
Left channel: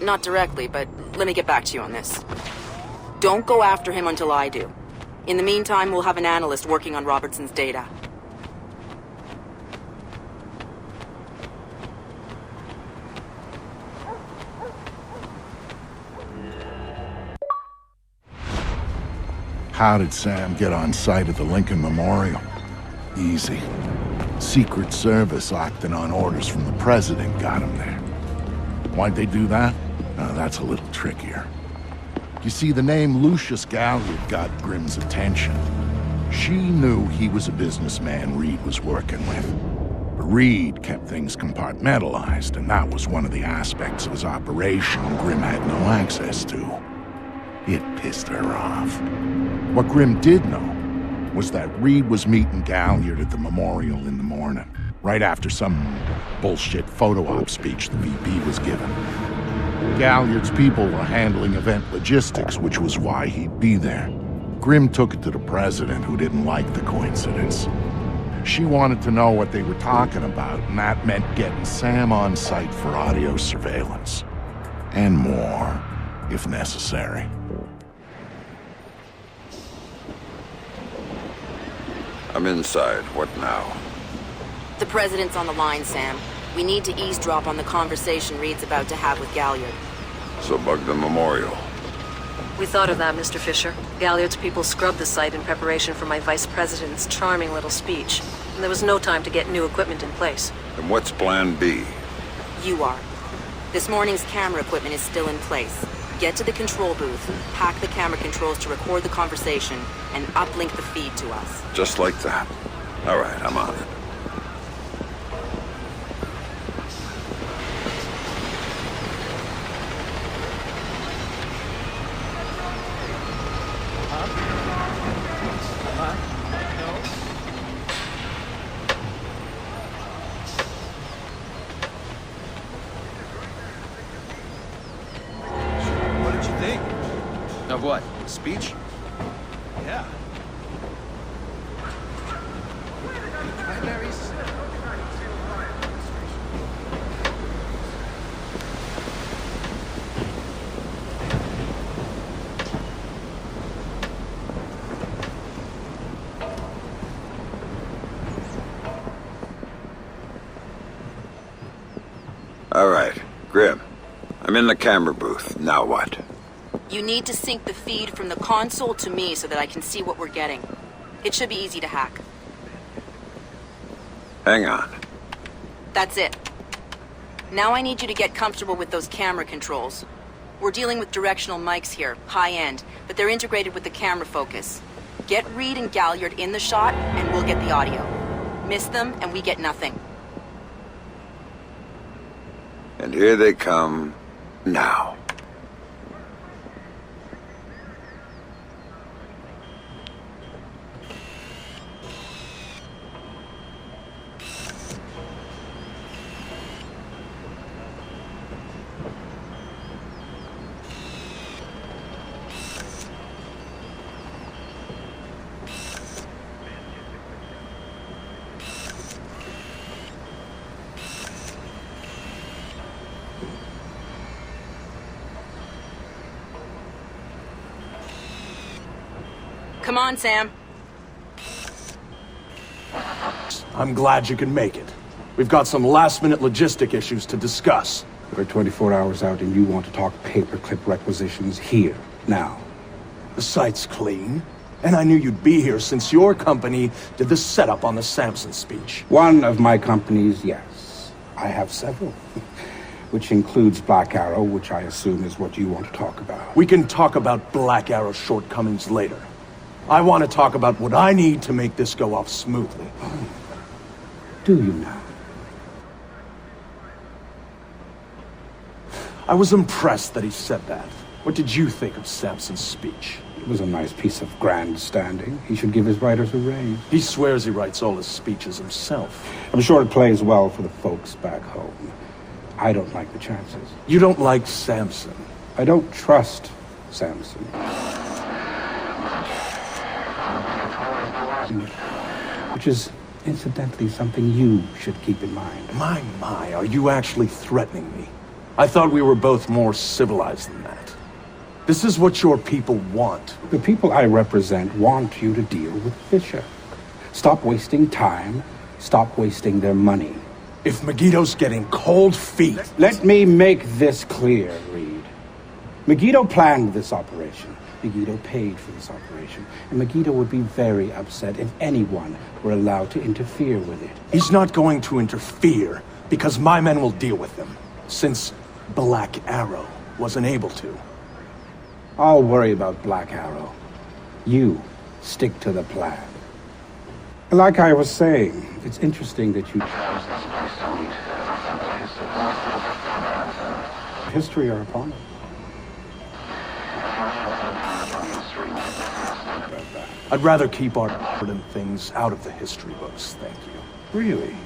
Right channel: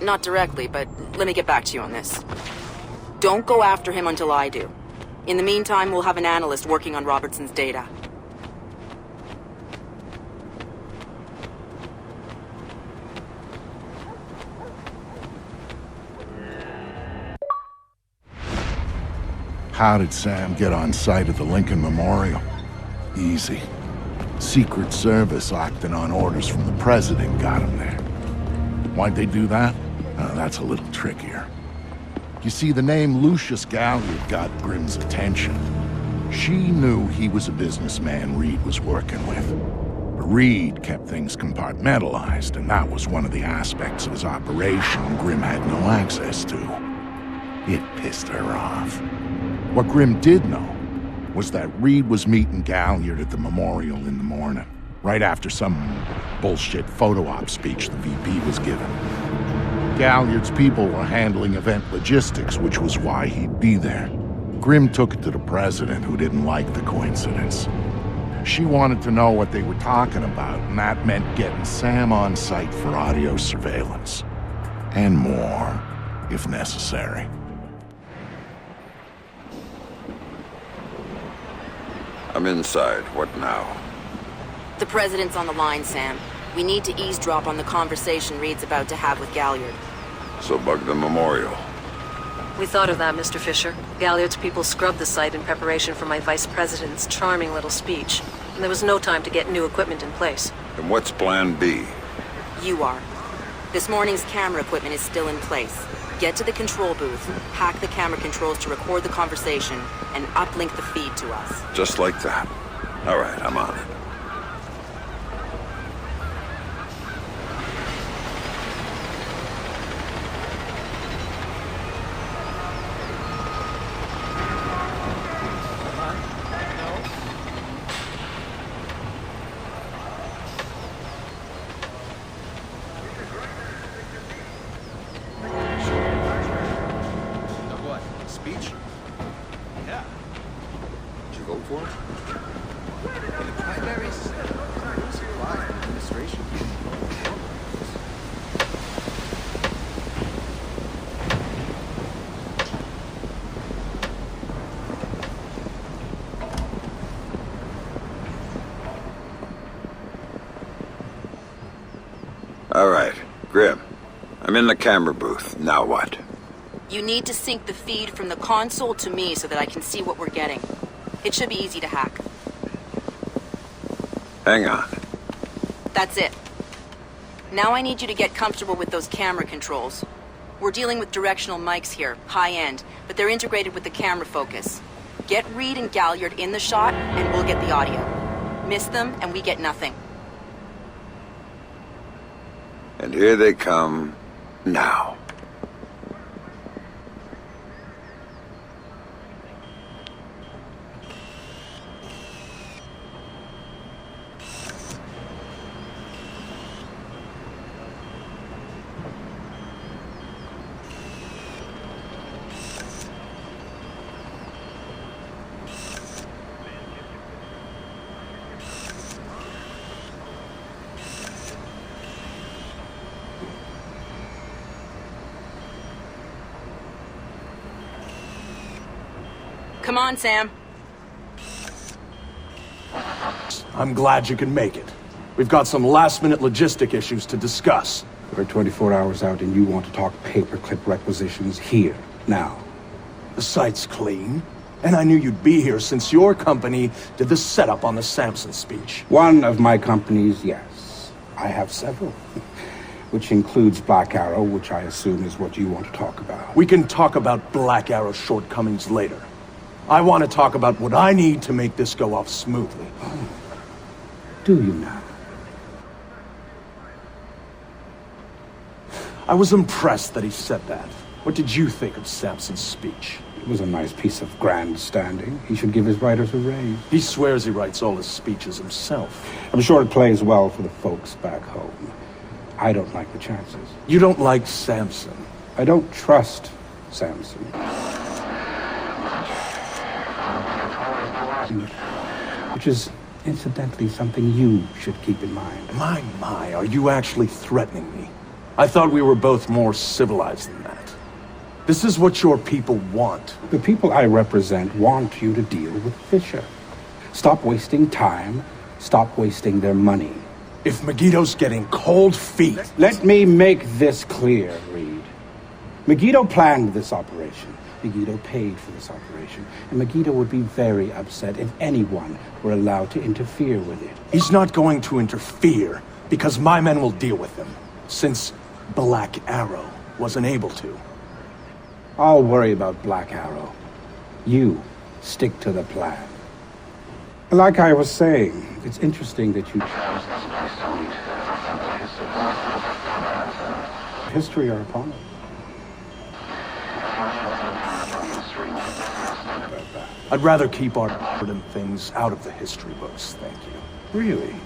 Not directly, but let me get back to you on this. Don't go after him until I do. In the meantime, we'll have an analyst working on Robertson's data. How did Sam get on site at the Lincoln Memorial? Easy. Secret Service acting on orders from the President got him there. Why'd they do that? That's a little trickier. You see, the name Lucius Galliard got Grim's attention. She knew he was a businessman Reed was working with. But Reed kept things compartmentalized, and that was one of the aspects of his operation Grim had no access to. It pissed her off. What Grim did know was that Reed was meeting Galliard at the memorial in the morning, right after some bullshit photo op speech the VP was giving. Galliard's people were handling event logistics, which was why he'd be there. Grim took it to the President, who didn't like the coincidence. She wanted to know what they were talking about, and that meant getting Sam on site for audio surveillance. And more, if necessary. I'm inside. What now? The President's on the line, Sam. We need to eavesdrop on the conversation Reed's about to have with Galliard. So bug the memorial. We thought of that, Mr. Fisher. Galliard's people scrubbed the site in preparation for my vice president's charming little speech. And there was no time to get new equipment in place. And what's plan B? You are. This morning's camera equipment is still in place. Get to the control booth, hack the camera controls to record the conversation, and uplink the feed to us. Just like that. All right, I'm on it. All right, Grim. I'm in the camera booth. Now what? You need to sync the feed from the console to me so that I can see what we're getting. It should be easy to hack. Hang on. That's it. Now I need you to get comfortable with those camera controls. We're dealing with directional mics here, high-end, but they're integrated with the camera focus. Get Reed and Galliard in the shot, and we'll get the audio. Miss them, and we get nothing. And here they come now. Come on, Sam. I'm glad you can make it. We've got some last-minute logistic issues to discuss. We're 24 hours out and you want to talk paperclip requisitions here, now. The site's clean, and I knew you'd be here since your company did the setup on the Samson speech. One of my companies, yes. I have several. Which includes Black Arrow, which I assume is what you want to talk about. We can talk about Black Arrow's shortcomings later. I want to talk about what I need to make this go off smoothly. Oh. Do you now? I was impressed that he said that. What did you think of Samson's speech? It was a nice piece of grandstanding. He should give his writers a raise. He swears he writes all his speeches himself. I'm sure it plays well for the folks back home. I don't like the chances. You don't like Samson? I don't trust Samson. Which is, incidentally, something you should keep in mind. My, are you actually threatening me? I thought we were both more civilized than that. This is what your people want. The people I represent want you to deal with Fisher. Stop wasting time. Stop wasting their money. If Megiddo's getting cold feet... Let me make this clear, Reed. Megiddo planned this operation. Megiddo paid for this operation, and Megiddo would be very upset if anyone were allowed to interfere with it. He's not going to interfere, because my men will deal with him, since Black Arrow wasn't able to. I'll worry about Black Arrow. You stick to the plan. Like I was saying, it's interesting that you chose this history are upon us. I'd rather keep our important things out of the history books, thank you. Really?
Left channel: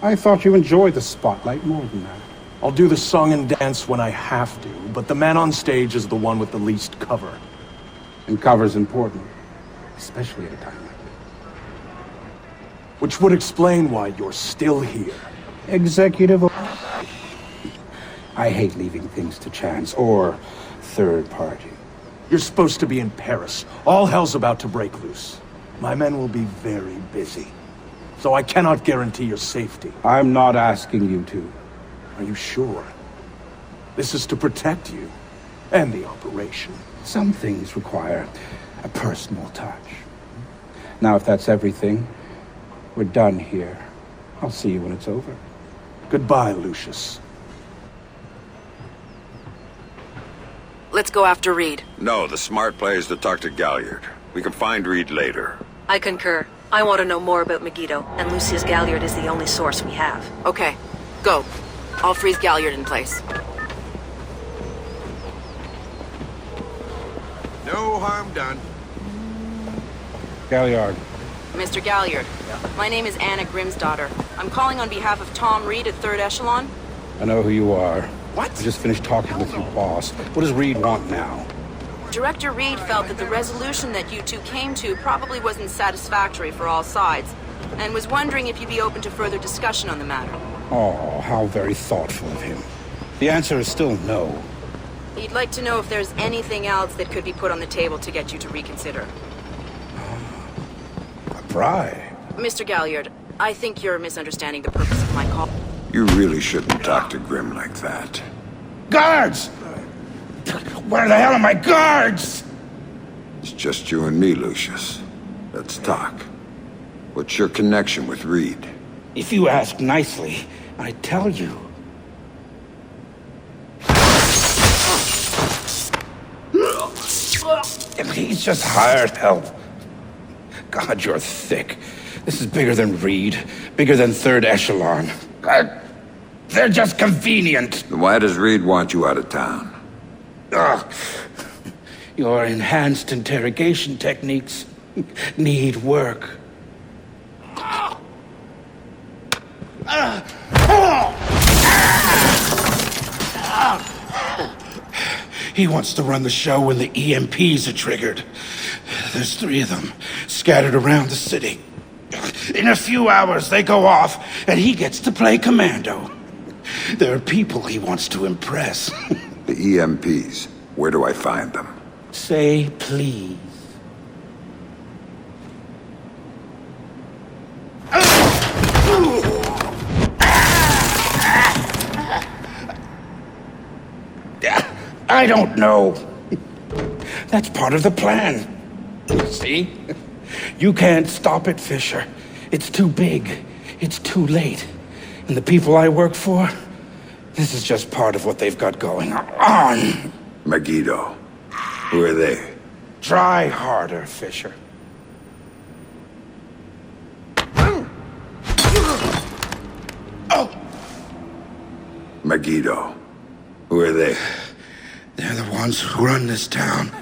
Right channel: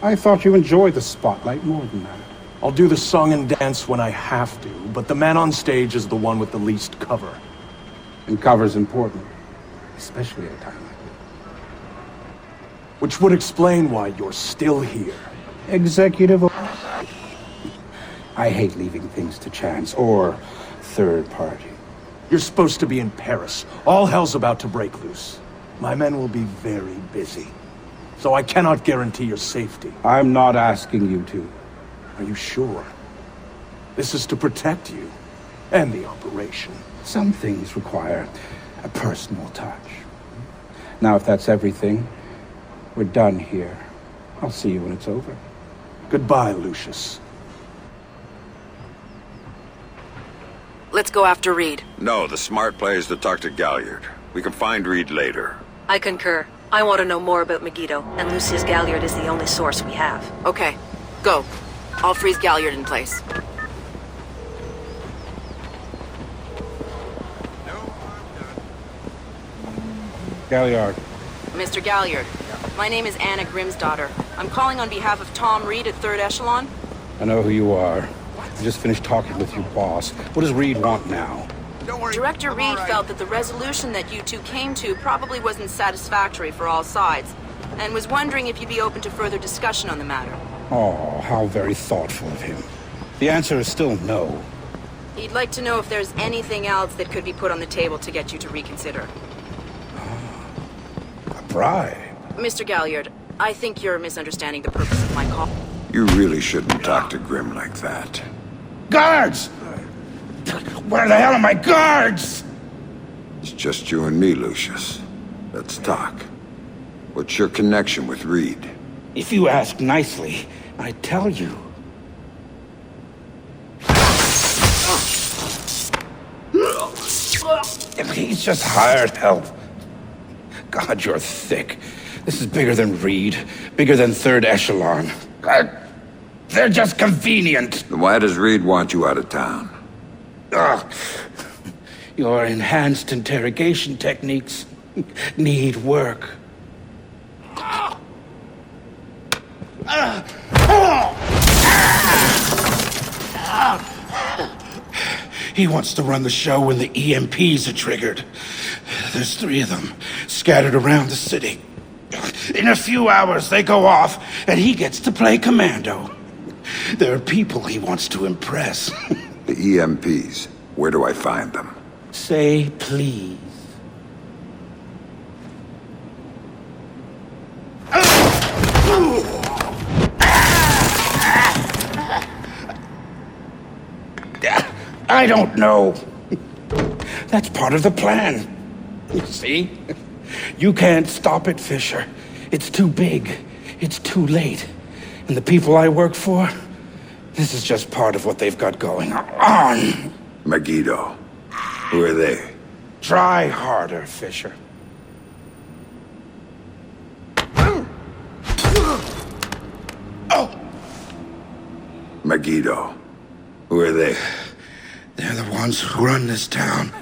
I thought you enjoyed the spotlight more than that. I'll do the song and dance when I have to, but the man on stage is the one with the least cover. And cover's important, especially at a time like this. Which would explain why you're still here. Executive oversight. I hate leaving things to chance or third party. You're supposed to be in Paris. All hell's about to break loose. My men will be very busy. So I cannot guarantee your safety. I'm not asking you to. Are you sure? This is to protect you. and the operation. Some things require a personal touch. Now, if that's everything, we're done here. I'll see you when it's over. Goodbye, Lucius. Let's go after Reed. No, the smart play is to talk to Galliard. We can find Reed later. I concur. I want to know more about Megiddo, and Lucius Galliard is the only source we have. Okay, go. I'll freeze Galliard in place. No harm done. Galliard. Mr. Galliard, my name is Anna Grimsdottir. I'm calling on behalf of Tom Reed at 3rd Echelon. I know who you are. What? I just finished talking with your boss. What does Reed want now? Director Reed felt that the resolution that you two came to probably wasn't satisfactory for all sides, and was wondering if you'd be open to further discussion on the matter. Oh, how very thoughtful of him. The answer is still no. He'd like to know if there's anything else that could be put on the table to get you to reconsider. A bribe? Mr. Galliard, I think you're misunderstanding the purpose of my call. You really shouldn't talk to Grim like that. Guards! Where the hell are my guards? It's just you and me, Lucius. Let's talk. What's your connection with Reed? If you ask nicely, I tell you. He's just hired help. God, you're thick. This is bigger than Reed, bigger than 3rd Echelon. They're just convenient. Then why does Reed want you out of town? Your enhanced interrogation techniques need work. He wants to run the show when the EMPs are triggered. There's 3 of them scattered around the city. In a few hours, they go off, and he gets to play commando. There are people he wants to impress. The EMPs. Where do I find them? Say please. I don't know. That's part of the plan. See? You can't stop it, Fisher. It's too big. It's too late. And the people I work for, this is just part of what they've got going on. Megiddo. Who are they? Try harder, Fisher. Megiddo. Who are they? They're the ones who run this town.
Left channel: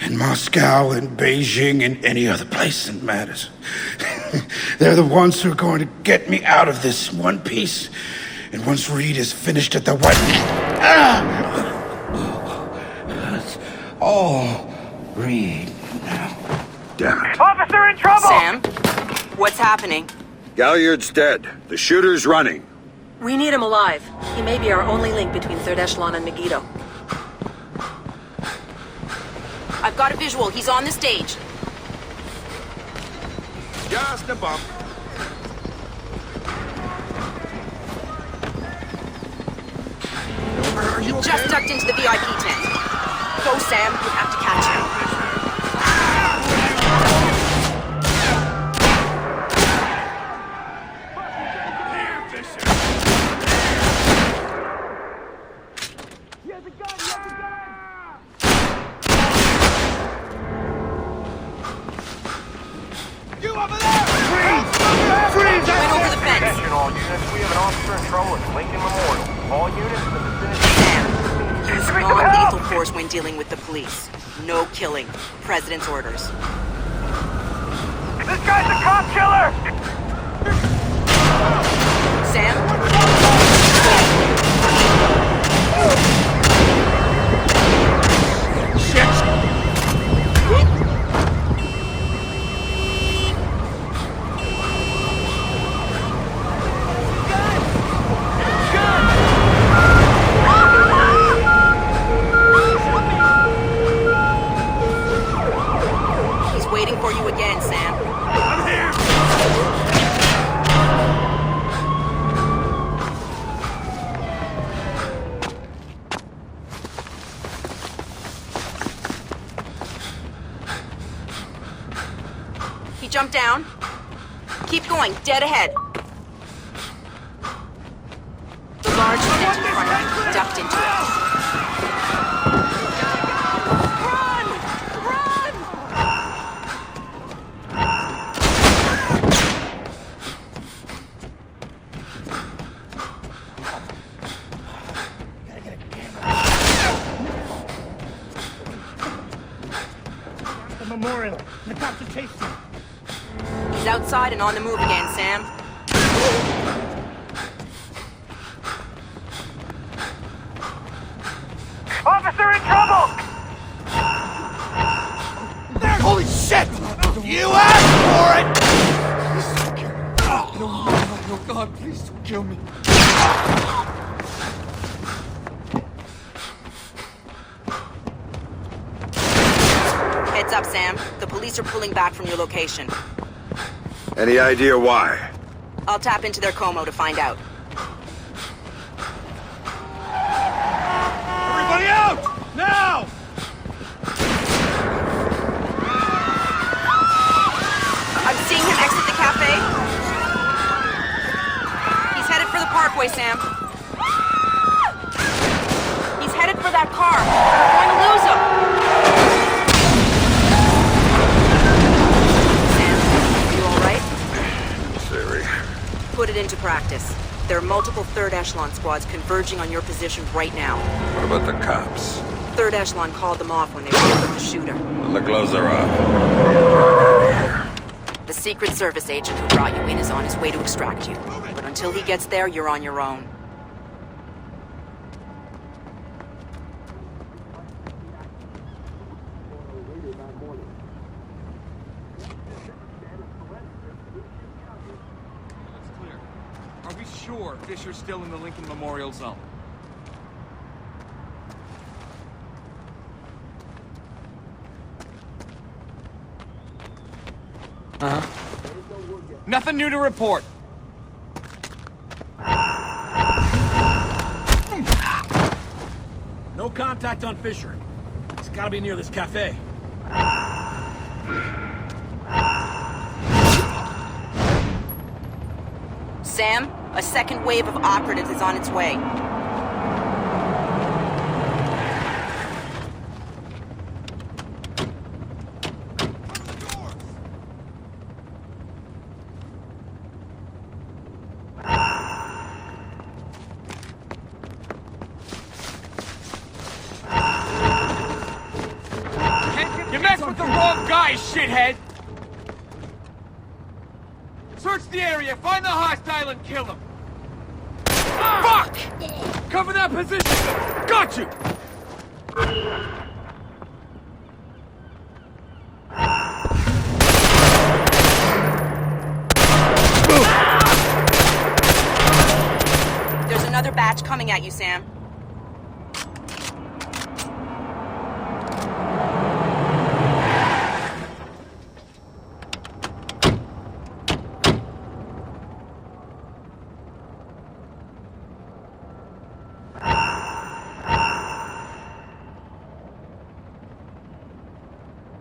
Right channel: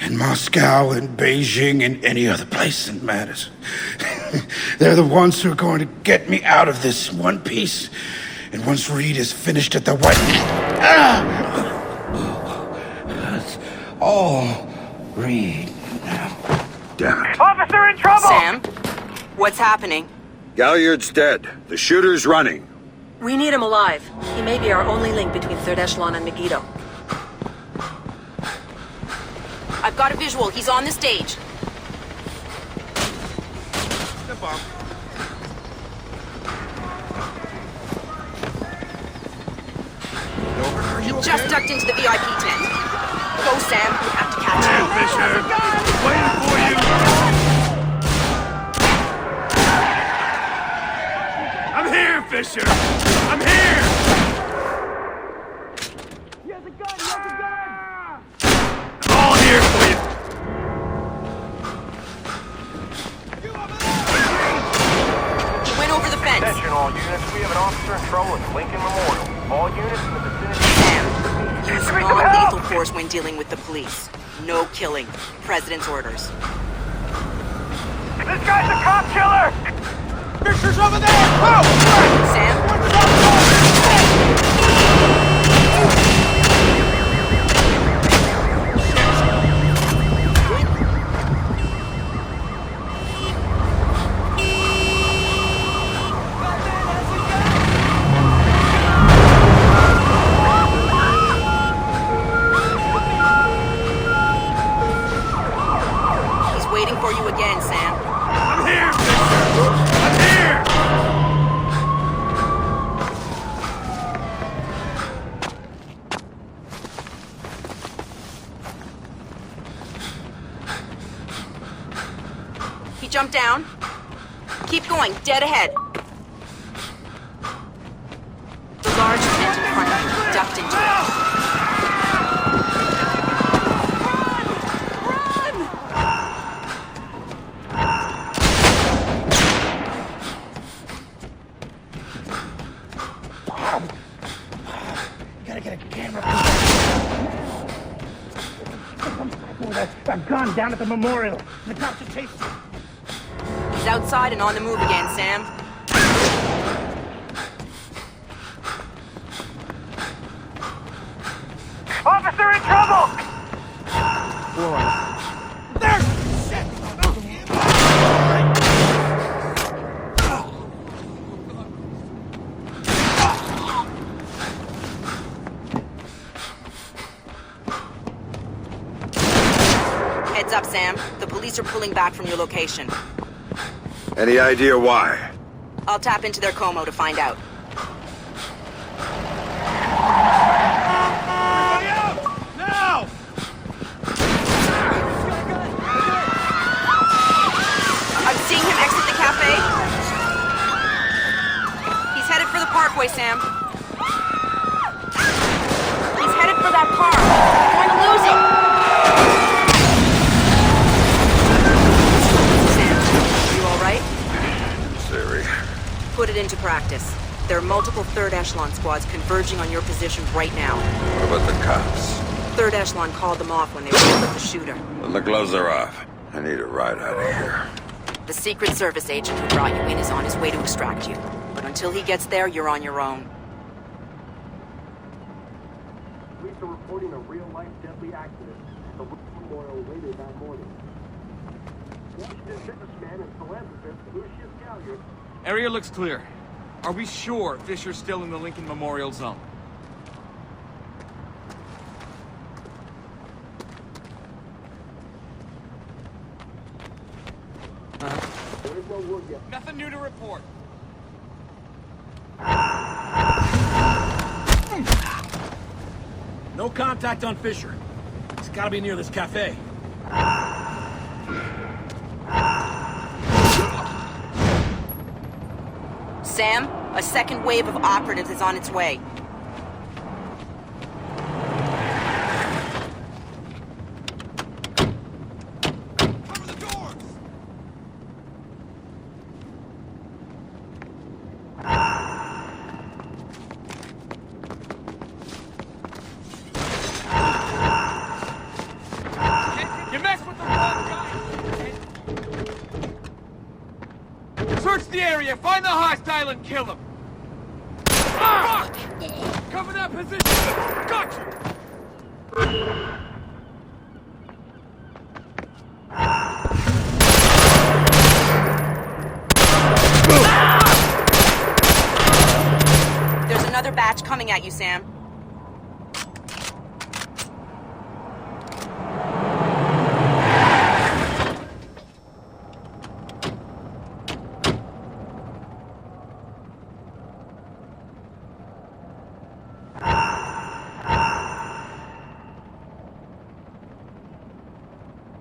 In Moscow and Beijing and any other place that matters. They're the ones who are going to get me out of this in one piece. And once Reed is finished at the White... That's all Reed now. Damn it. Officer in trouble! Sam, what's happening? Galliard's dead. The shooter's running. We need him alive. He may be our only link between 3rd Echelon and Megiddo. I've got a visual. He's on the stage. He just ducked into the VIP tent. Go, Sam. You have to catch him. Fisher, waiting for you. I'm here, Fisher. I'm here. All here for you. You over there! Freeze! Freeze! He went over the fence. Attention all units, we have an officer in trouble at Lincoln Memorial. All units in the vicinity. Sam, use non-lethal force when dealing with the police. No killing. President's orders. This guy's a cop killer! Fisher's over there! Oh! Sam, just waiting for you. Shit! He's waiting for you again, Sam. I'm here, Fisher! I'm here! Slow down. Keep going, dead ahead. The large tent in front of you, ducked into it. Down at the memorial. He's outside and on the move again, Sam. Officer in trouble! There! Holy shit! You asked for it! Oh, God, please don't kill me. Heads up, Sam. The police are pulling back from your location. Any idea why? I'll tap into their Como to find out. Everybody out! Now! I'm seeing him exit the cafe. He's headed for the parkway, Sam. He's headed for that car. We're going to lose him. Right? In theory. Put it into practice. There are multiple third echelon squads converging on your position right now. What about the cops? Third echelon called them off when they rolled up the shooter. Then the gloves are off. I need to ride out of here. The Secret Service agent who brought you in is on his way to extract you. But until he gets there, you're on your own. Police are reporting a real-life deadly accident at the Memorial later that morning. Area looks clear. Are we sure Fisher's still in the Lincoln Memorial Zone? Nothing new to report. No contact on Fisher. He's gotta be near this cafe. Sam, a second wave of operatives is on its way. You messed with the wrong guy, shithead! Search the area, find the hostile and kill him! Fuck! Cover that position! Got you! There's another batch coming at you, Sam.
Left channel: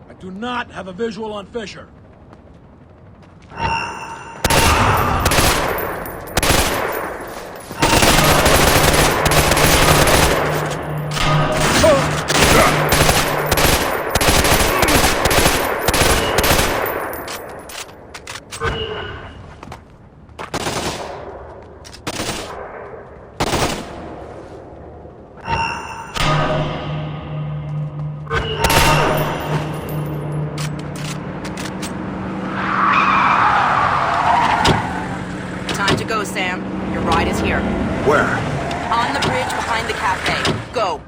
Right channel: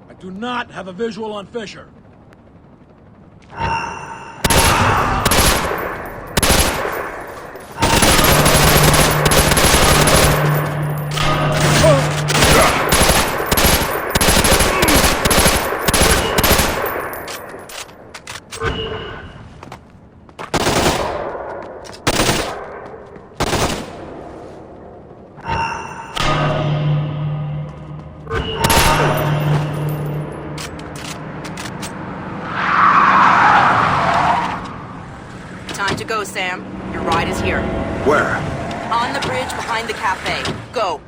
I do not have a visual on Fisher. Time to go, Sam. Your ride is here. Where? On the bridge behind the cafe. Go.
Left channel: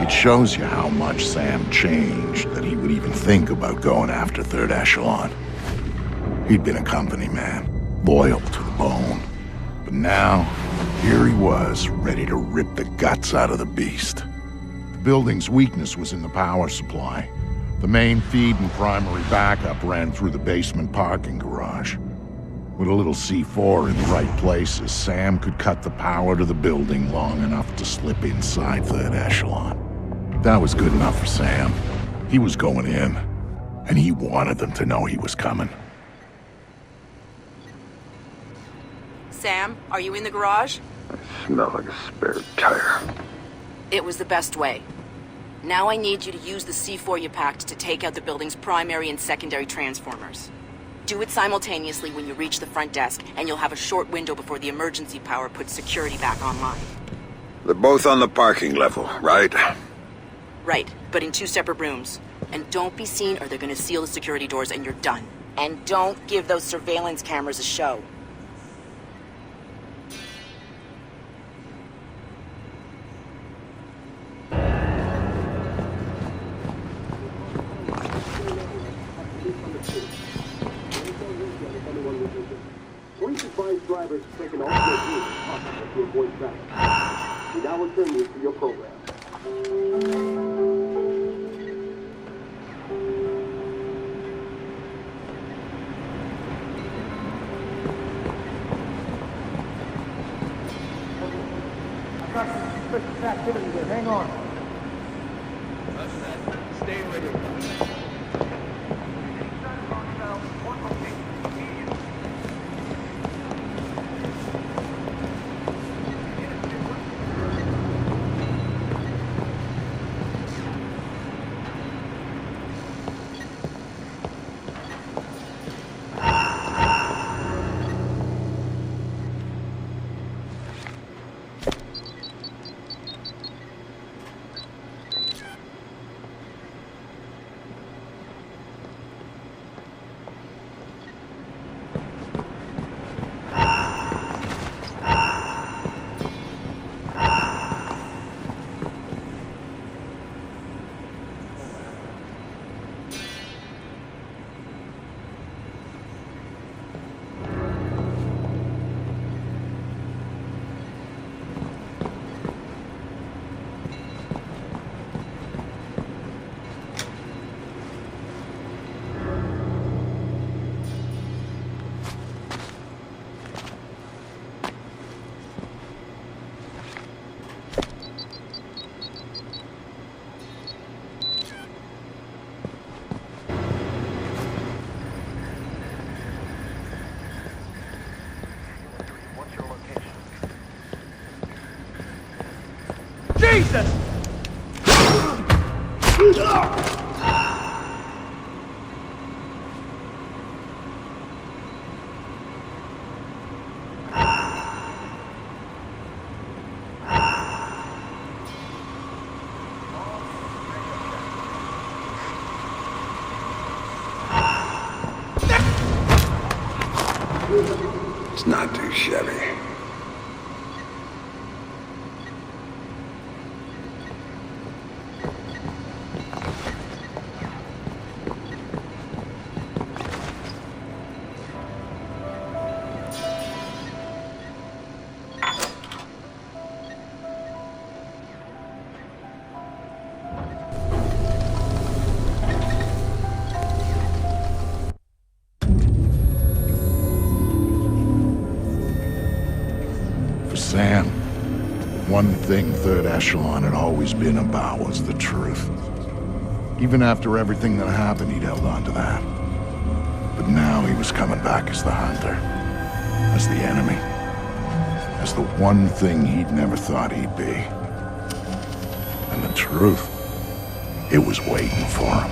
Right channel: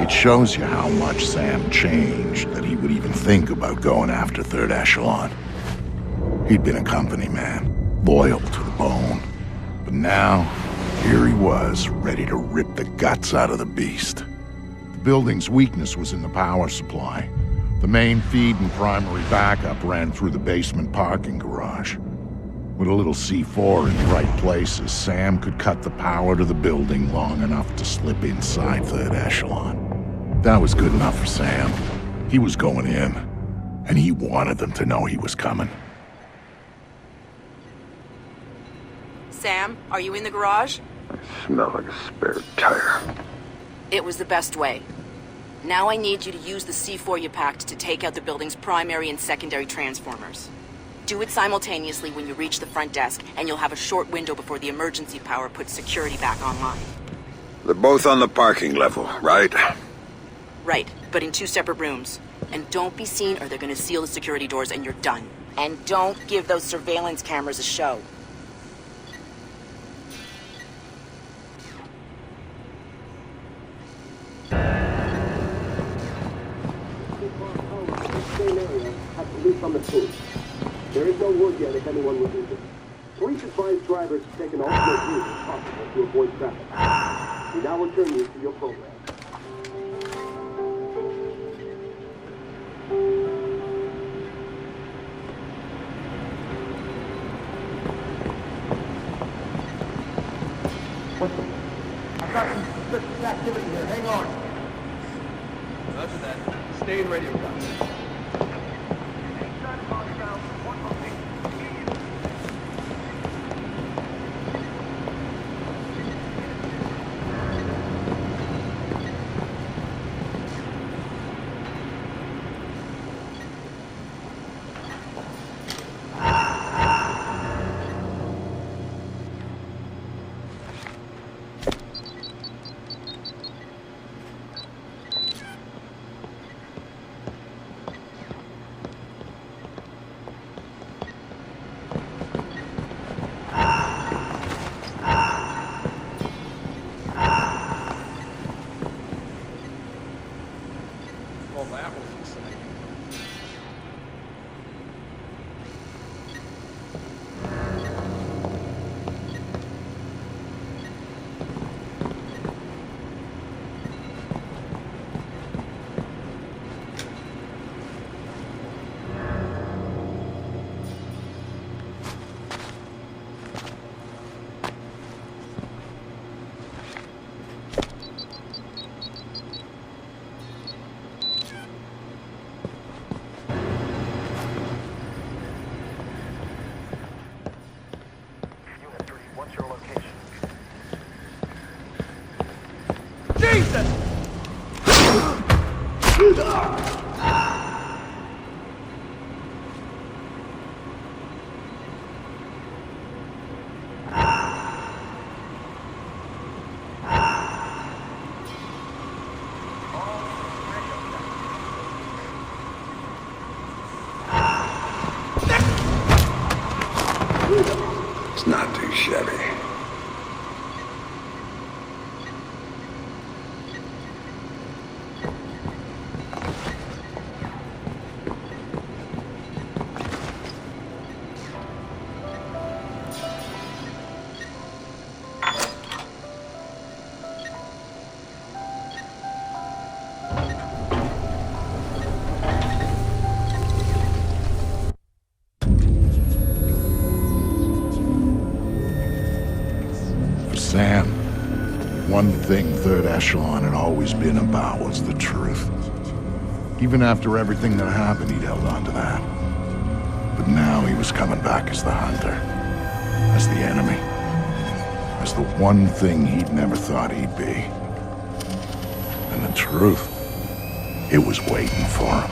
It shows you how much Sam changed that he would even think about going after Third Echelon. He'd been a company man, loyal to the bone. But now, here he was, ready to rip the guts out of the beast. The building's weakness was in the power supply. The main feed and primary backup ran through the basement parking garage. With a little C4 in the right places, Sam could cut the power to the building long enough to slip inside third echelon. That was good enough for Sam. He was going in, and he wanted them to know he was coming. Sam, are you in the garage? I smell like a spare tire. It was the best way. Now I need you to use the C4 you packed to take out the building's primary and secondary transformers. Do it simultaneously when you reach the front desk, and you'll have a short window before the emergency power puts security back online. They're both on the parking level, right? Right, but in 2 separate rooms. And don't be seen or they're gonna seal the security doors and you're done. And don't give those surveillance cameras a show. There is no word yet if anyone will Roger that. Stay in radio contact. Jesus! It's not too shabby. Sam, the one thing Third Echelon had always been about was the truth. Even after everything that happened, he'd held on to that. But now he was coming back as the hunter, as the enemy, as the one thing he'd never thought he'd be. And the truth, it was waiting for him.